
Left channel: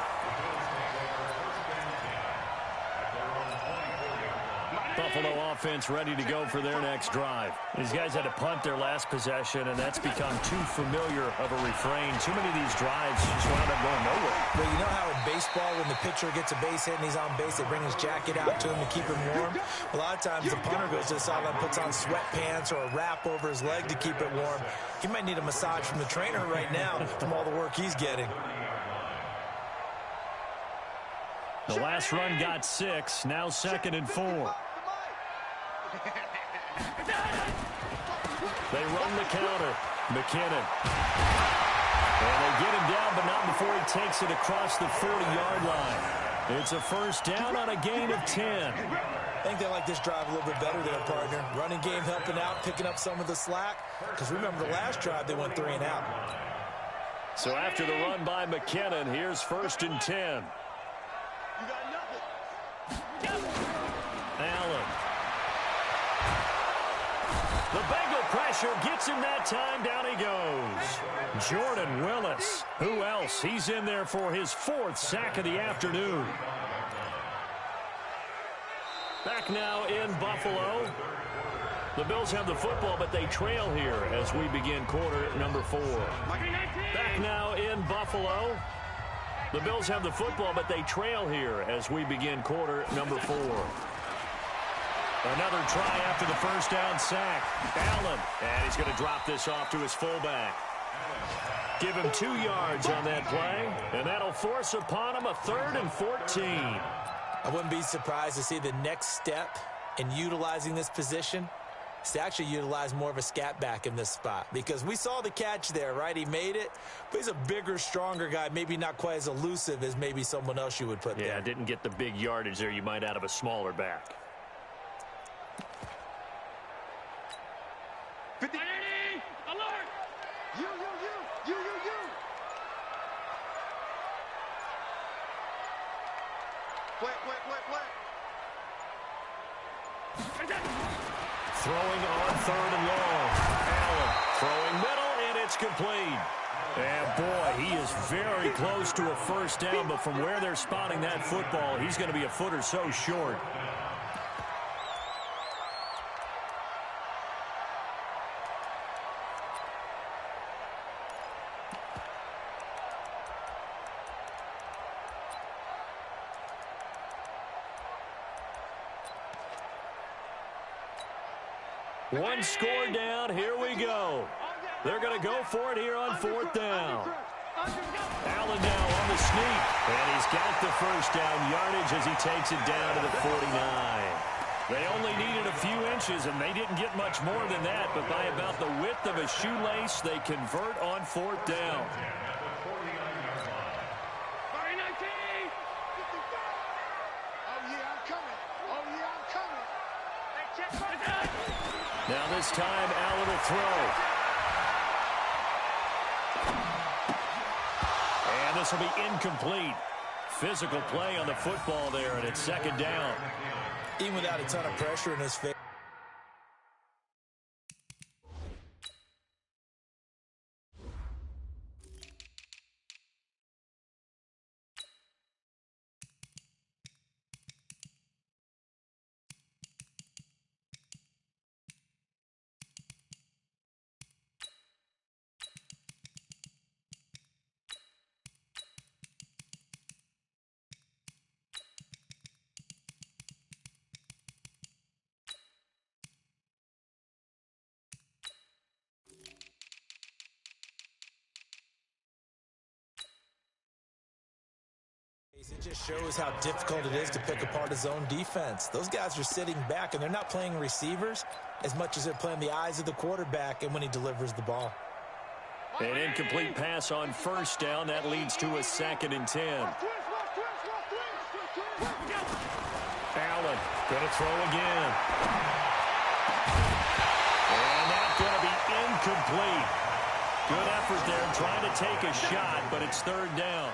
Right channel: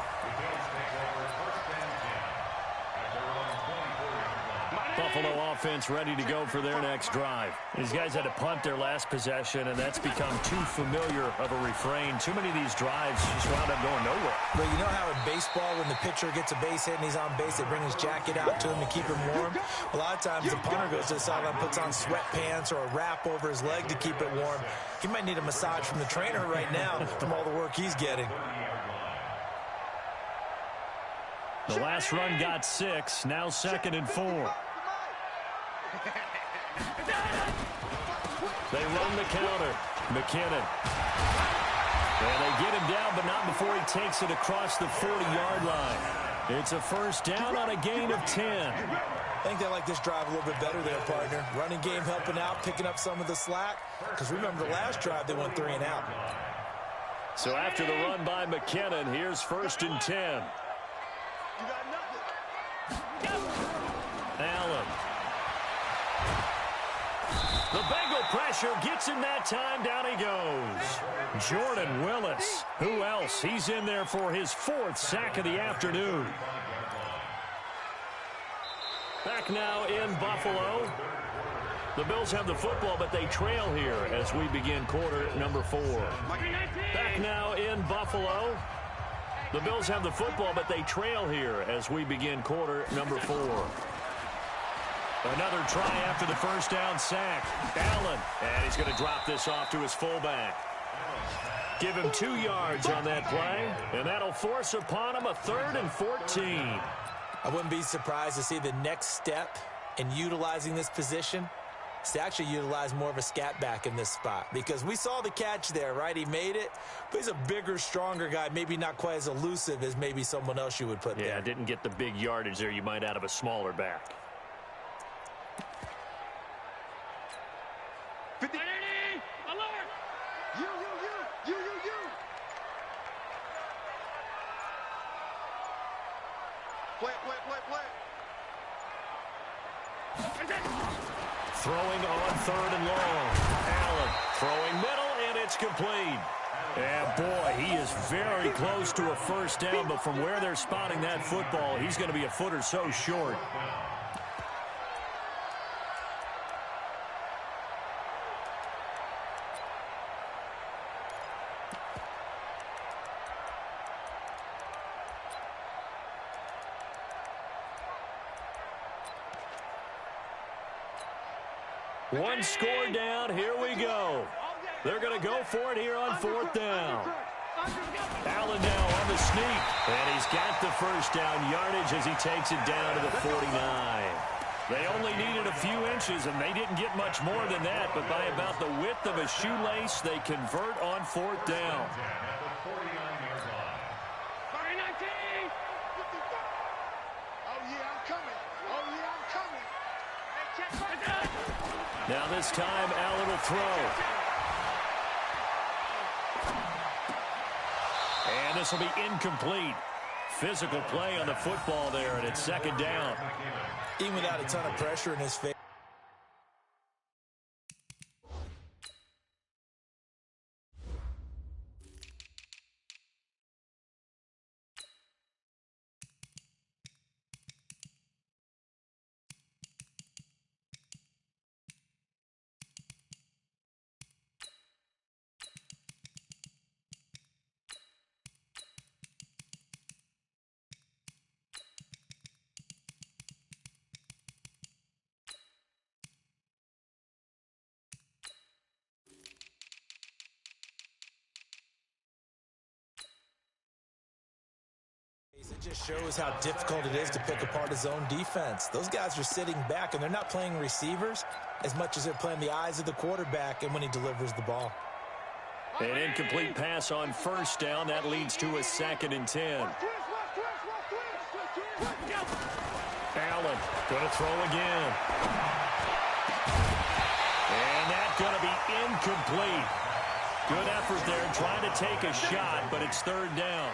Buffalo offense ready to go for their next drive. These guys had to punt their last possession, and that's become too familiar of a refrain. Too many of these drives just wound up going nowhere. But you know how in baseball, when the pitcher gets a base hit and he's on base, they bring his jacket out to him to keep him warm? A lot of times the punter goes to the sideline, puts on sweatpants or a wrap over his leg to keep it warm. He might need a massage from the trainer right now from all the work he's getting. The last run got 6, now 2nd and 4. They run the counter. McKinnon. And they get him down, but not before he takes it across the 40-yard line. It's a first down on a gain of 10. I think they like this drive a little bit better there, partner. Running game helping out, picking up some of the slack. Because remember, the last drive, they went 3 and out. So after the run by McKinnon, here's 1st and 10. You got nothing. Allen. The Bengal pressure gets him that time. Down he goes. Jordan Willis. Who else? He's in there for his 4th sack of the afternoon. Back now in Buffalo. The Bills have the football, but they trail here as we begin quarter number 4. Back now in Buffalo. The Bills have the football, but they trail here as we begin quarter number 4. Another try after the first down sack. Allen, and he's going to drop this off to his fullback. Give him 2 yards on that play, and that'll force upon him a 3rd and 14. I wouldn't be surprised to see the next step in utilizing this position is to actually utilize more of a scat back in this spot. Because we saw the catch there, right? He made it, but he's a bigger, stronger guy, maybe not quite as elusive as maybe someone else you would put there. Yeah, didn't get the big yardage there you might out of a smaller back. 50. Alert! You. Play. Throwing on 3rd and long. Allen throwing middle, and it's complete. And boy, he is very close to a first down, but from where they're spotting that football, he's going to be a foot or so short. One score down. Here we go. They're going to go for it here on 4th down. Allen now on the sneak. And he's got the first down yardage as he takes it down to the 49. They only needed a few inches, and they didn't get much more than that. But by about the width of a shoelace, they convert on 4th down. Now this time, Allen will throw. And this will be incomplete. Physical play on the football there, and it's 2nd down. Even without a ton of pressure in his face. It just shows how difficult it is to pick apart his own defense. Those guys are sitting back, and they're not playing receivers as much as they're playing the eyes of the quarterback and when he delivers the ball. An incomplete pass on first down. That leads to a 2nd and 10. Allen going to throw again. And that's going to be incomplete. Good effort there trying to take a shot, but it's 3rd down.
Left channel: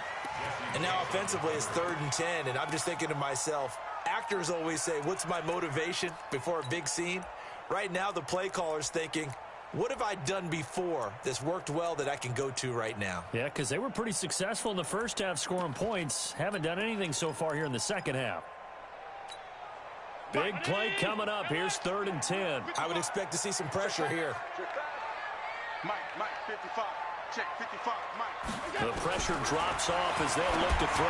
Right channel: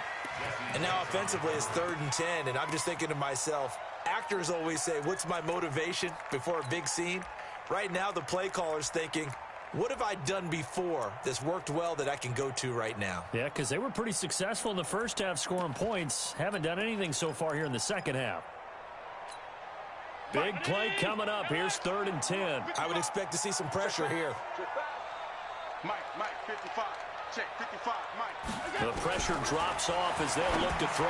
And now offensively it's 3rd and 10, and I'm just thinking to myself, actors always say, what's my motivation before a big scene? Right now the play caller's thinking, what have I done before that's worked well that I can go to right now? Yeah, because they were pretty successful in the first half scoring points. Haven't done anything so far here in the second half. Big play coming up. Here's 3rd and 10. I would expect to see some pressure here. Mike, 55. Check, 55, Mike. The pressure drops off as they'll look to throw.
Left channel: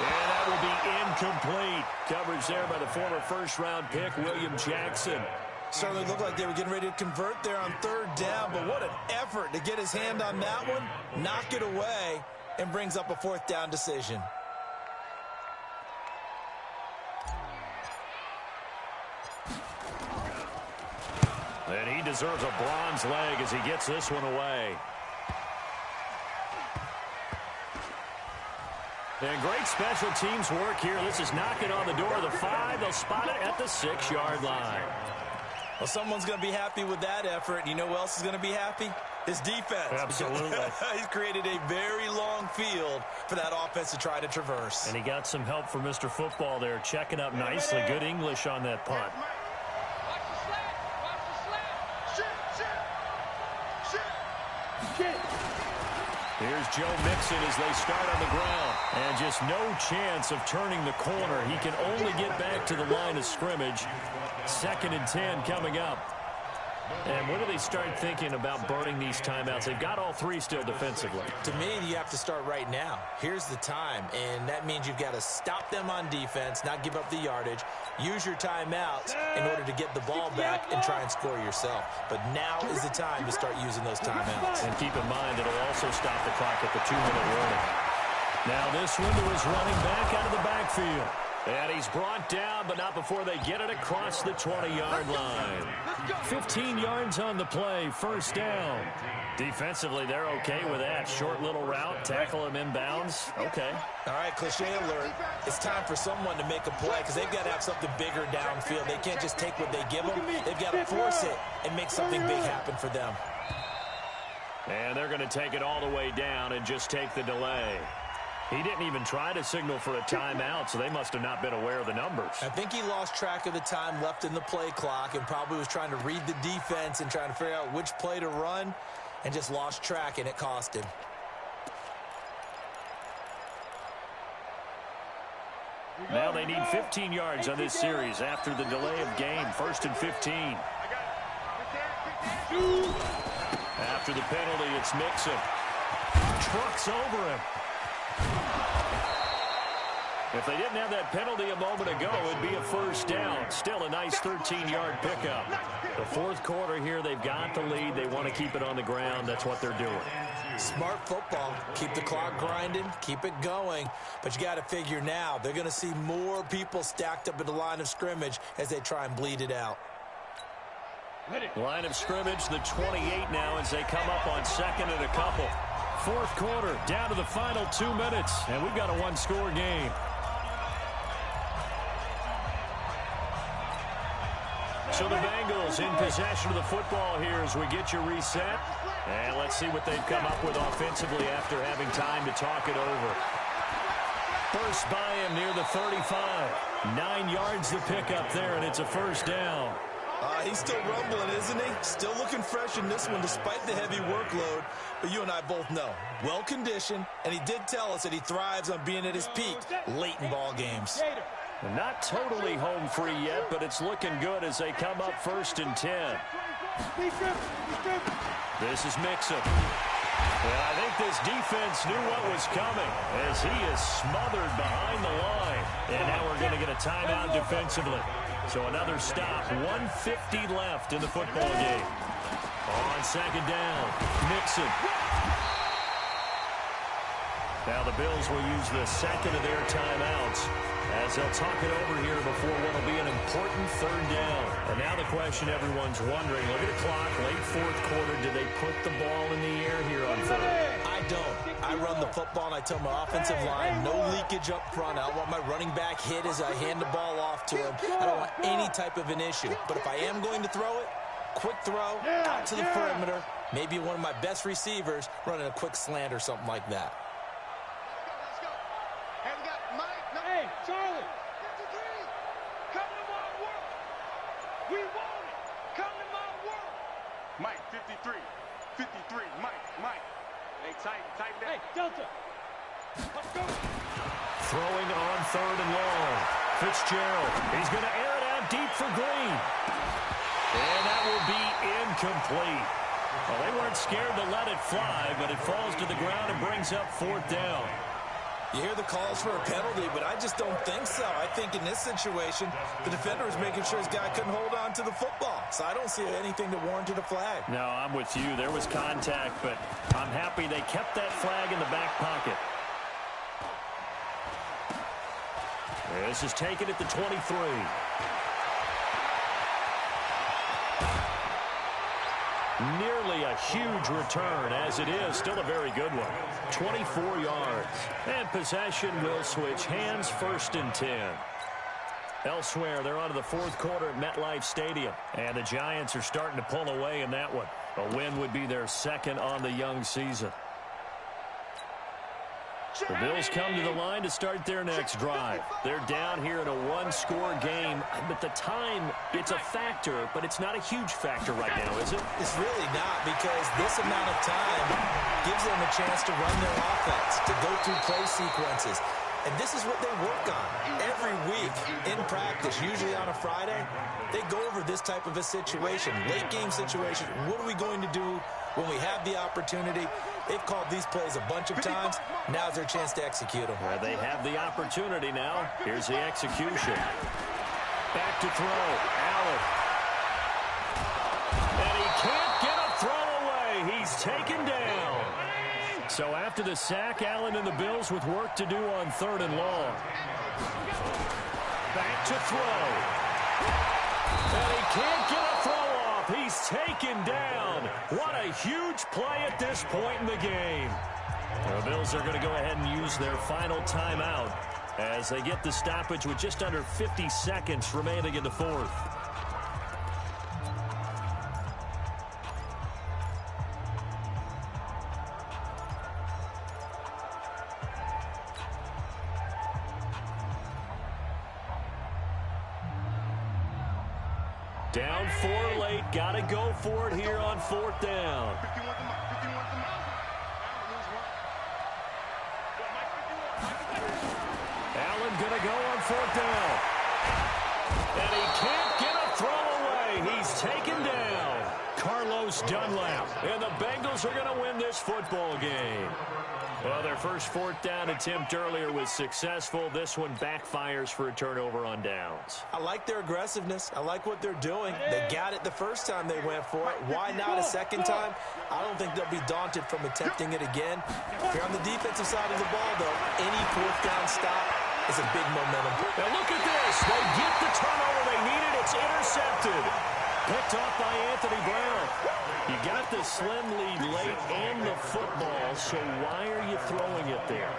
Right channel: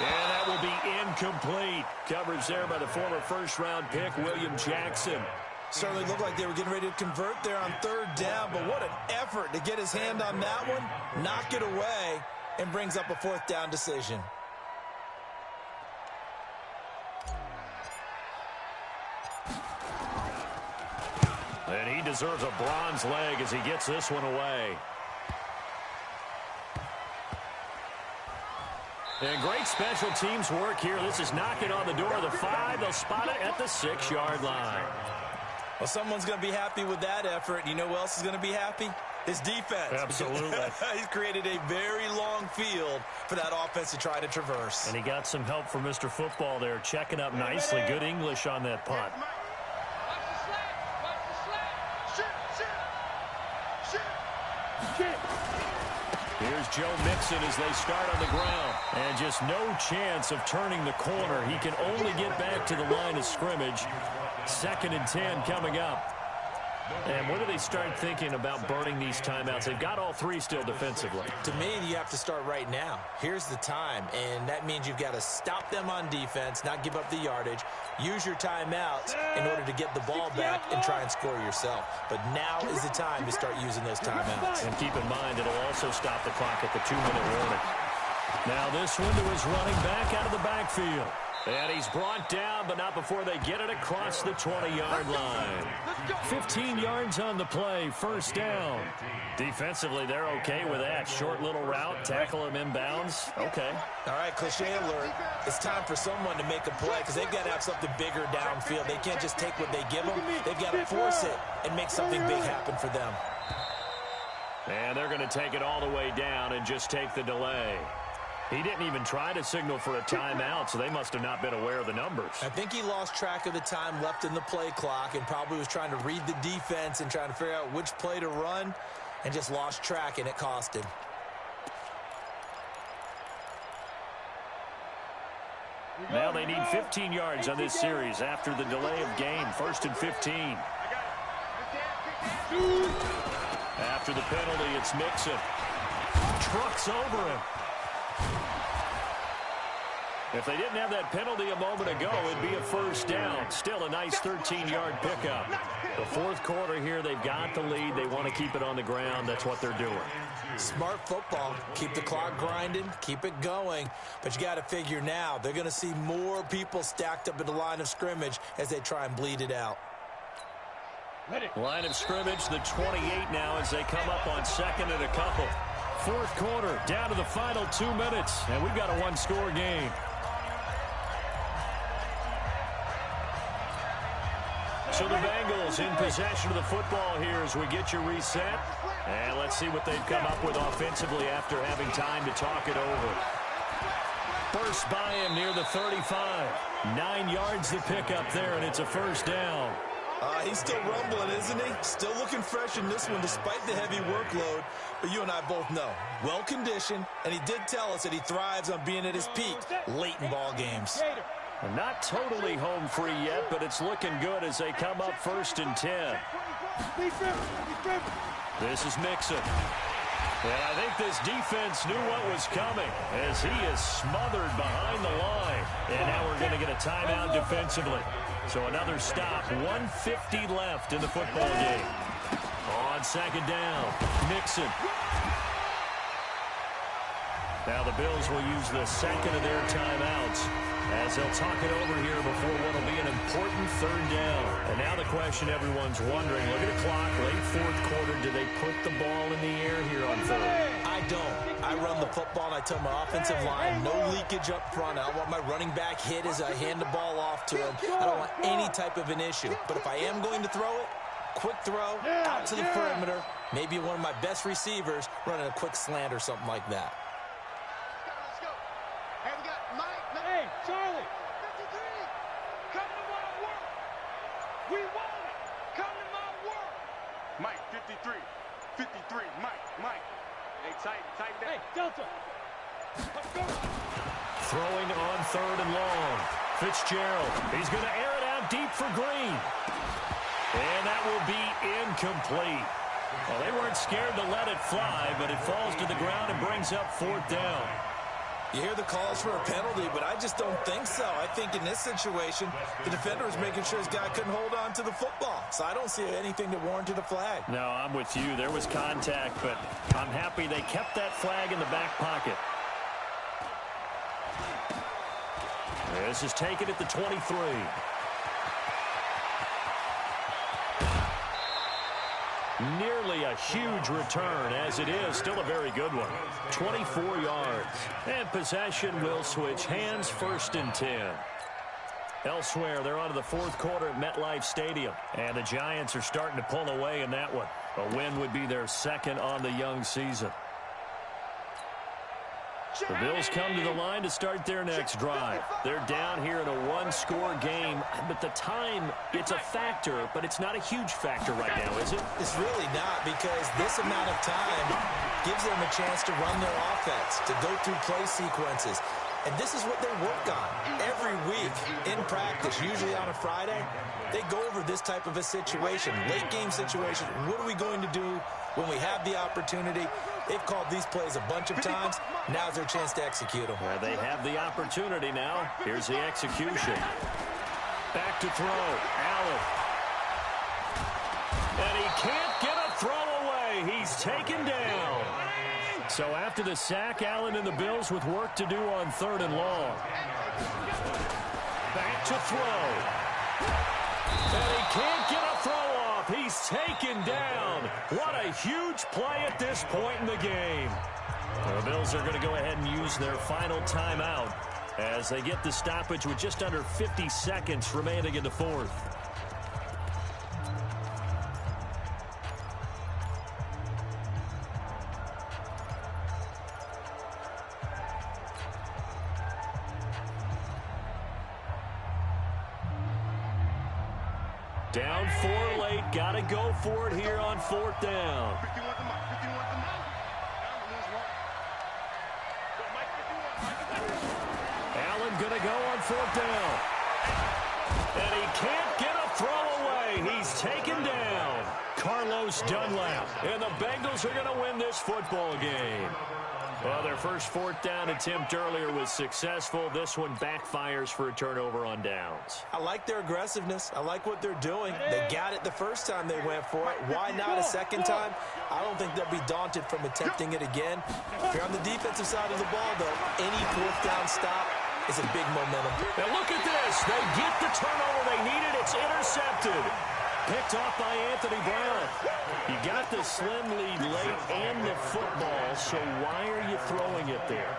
And that will be incomplete. Coverage there by the former first-round pick, William Jackson. Certainly looked like they were getting ready to convert there on 3rd down, but what an effort to get his hand on that one, knock it away, and brings up a 4th down decision. And he deserves a bronze leg as he gets this one away. And great special teams work here. This is knocking on the door of the 5. They'll spot it at the 6-yard line. Well, someone's going to be happy with that effort. You know who else is going to be happy? His defense. Absolutely. He's created a very long field for that offense to try to traverse. And he got some help from Mr. Football there, checking up nicely. Good English on that punt. Watch the slant. Watch the slant. Shit. Here's Joe Mixon as they start on the ground. And just no chance of turning the corner. He can only get back to the line of scrimmage. 2nd and 10 coming up. And when do they start thinking about burning these timeouts? They've got all 3 still defensively. To me, you have to start right now. Here's the time, and that means you've got to stop them on defense, not give up the yardage, use your timeouts in order to get the ball back and try and score yourself. But now is the time to start using those timeouts. And keep in mind, it'll also stop the clock at the 2-minute warning. Now this window is running back out of the backfield. And he's brought down, but not before they get it across the 20-yard line. 15 yards on the play, 1st down. Defensively, they're okay with that. Short little route, tackle him inbounds. Okay. All right, cliche alert. It's time for someone to make a play because they've got to have something bigger downfield. They can't just take what they give them. They've got to force it and make something big happen for them. And they're going to take it all the way down and just take the delay. He didn't even try to signal for a timeout, so they must have not been aware of the numbers. I think he lost track of the time left in the play clock and probably was trying to read the defense and trying to figure out which play to run and just lost track, and it cost him. Now they need 15 yards on this series after the delay of game. 1st and 15. After the penalty, it's Mixon. Trucks over him. If they didn't have that penalty a moment ago, it'd be a 1st down. Still a nice 13-yard pickup. The 4th quarter here, they've got the lead. They want to keep it on the ground. That's what they're doing. Smart football. Keep the clock grinding. Keep it going. But you got to figure now, they're going to see more people stacked up at the line of scrimmage as they try and bleed it out. Line of scrimmage, the 28 now as they come up on 2nd and a couple. 4th quarter, down to the final 2 minutes, and we've got a 1-score game. So the Bengals in possession of the football here as we get you reset. And let's see what they've come up with offensively after having time to talk it over. First by him near the 35. 9 yards to pick up there, and it's a 1st down. He's still rumbling, isn't he? Still looking fresh in this one despite the heavy workload. But you and I both know, well-conditioned, and he did tell us that he thrives on being at his peak late in ball games. Not totally home free yet, but it's looking good as they come up 1st and 10. This is Mixon. And I think this defense knew what was coming as he is smothered behind the line. And now we're going to get a timeout defensively. So another stop, 1:50 left in the football game. On 2nd down, Mixon. Now the Bills will use the second of their timeouts as they'll talk it over here before what will be an important third down. And now the question everyone's wondering, look at the clock, late fourth quarter, do they put the ball in the air here on third? I don't. I run the football, and I tell my offensive line, no leakage up front. I don't want my running back hit as I hand the ball off to him. I don't want any type of an issue. But if I am going to throw it, quick throw, out to the perimeter, maybe one of my best receivers running a quick slant or something like that. Let's go. Hey, we got Mike. No. Hey, Charlie. 53. Come to my work. We want it. Come to my work. Mike, 53. 53. Mike. Hey, tighten down. Hey, Delta. Let's go. Throwing on third and long. Fitzgerald. He's going to air it out deep for Green. And that will be incomplete. Well, they weren't scared to let it fly, but it falls to the ground and brings up fourth down. You hear the calls for a penalty, but I just don't think so. I think in this situation, the defender was making sure his guy couldn't hold on to the football. So I don't see anything that warranted a flag. No, I'm with you. There was contact, but I'm happy they kept that flag in the back pocket. This is taken at the 23. Nearly a huge return, as it is still a very good one. 24 yards. And possession will switch hands, first and 10. Elsewhere, they're on to the fourth quarter at MetLife Stadium. And the Giants are starting to pull away in that one. A win would be their second on the young season. The Bills come to the line to start their next drive. They're down here in a one-score game, but the time, it's a factor, but it's not a huge factor right now, is it? It's really not, because this amount of time gives them a chance to run their offense, to go through play sequences. And this is what they work on every week in practice, usually on a Friday. They go over this type of a situation, late game situation. What are we going to do when we have the opportunity? They've called these plays a bunch of times. Now's their chance to execute them. Well, they have the opportunity now. Here's the execution. Back to throw. Allen. And he can't get a throw away. He's taken down. So after the sack, Allen and the Bills with work to do on third and long. Back to throw. And he can't get a throw off. He's taken down. What a huge play at this point in the game. The Bills are going to go ahead and use their final timeout as they get the stoppage with just under 50 seconds remaining in the fourth. Down 4 late. Got to go for it here on fourth down. 51's the mark. 51's the mark. Allen going to go on fourth down. And he can't get a throw away. He's taken down. Carlos Dunlap. And the Bengals are going to win this football game. Well, their first fourth down attempt earlier was successful. This one backfires for a turnover on downs. I like their aggressiveness. I like what they're doing. They got it the first time they went for it. Why not a second time? I don't think they'll be daunted from attempting it again. If you're on the defensive side of the ball, though, any fourth down stop is a big momentum. Now look at this. They get the turnover they needed. It's intercepted. Picked off by Anthony Brown. You got the slim lead late and the football, so why are you throwing it there?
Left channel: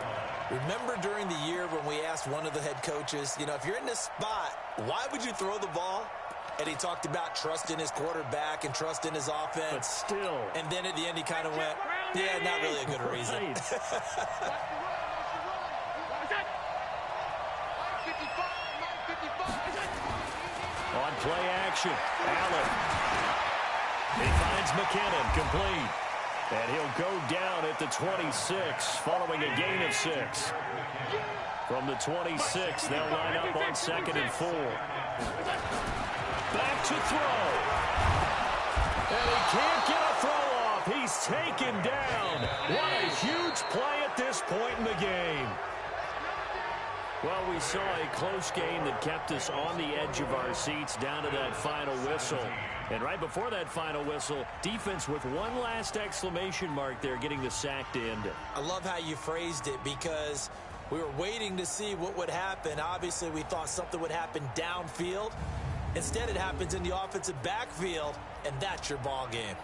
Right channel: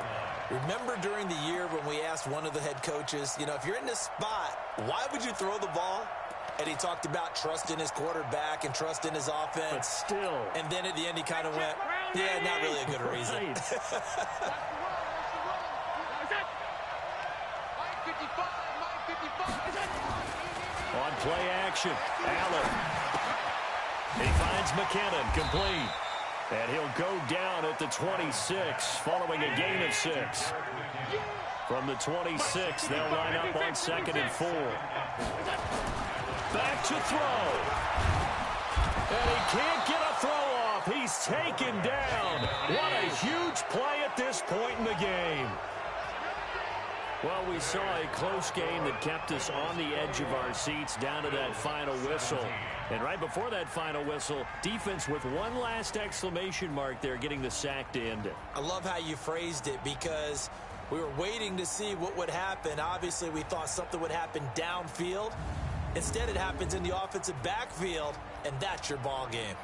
Remember during the year when we asked one of the head coaches, if you're in this spot, why would you throw the ball? And he talked about trust in his quarterback and trust in his offense. But still. And then at the end he kind of went, yeah, not really a good reason. Right. On play action, Allen. He finds McKinnon, complete. And he'll go down at the 26, following a gain of 6. From the 26, they'll line up on 2nd and 4. Back to throw. And he can't get a throw off. He's taken down. What a huge play at this point in the game. Well, we saw a close game that kept us on the edge of our seats down to that final whistle. And right before that final whistle, defense with one last exclamation mark there, getting the sack to end it. I love how you phrased it, because we were waiting to see what would happen. Obviously, we thought something would happen downfield. Instead, it happens in the offensive backfield, and that's your ball game.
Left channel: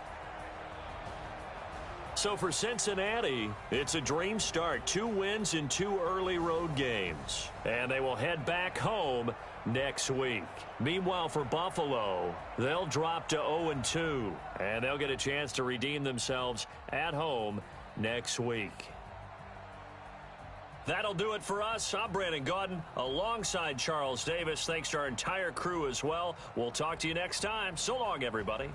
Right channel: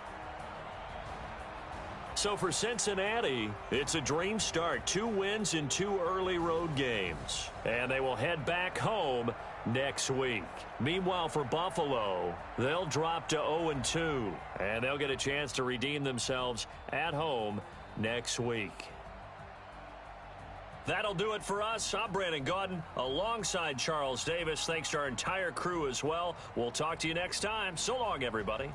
So for Cincinnati, it's a dream start. 2 wins in 2 early road games. And they will head back home next week. Meanwhile, for Buffalo, they'll drop to 0-2. And they'll get a chance to redeem themselves at home next week. That'll do it for us. I'm Brandon Gaudin alongside Charles Davis. Thanks to our entire crew as well. We'll talk to you next time. So long, everybody.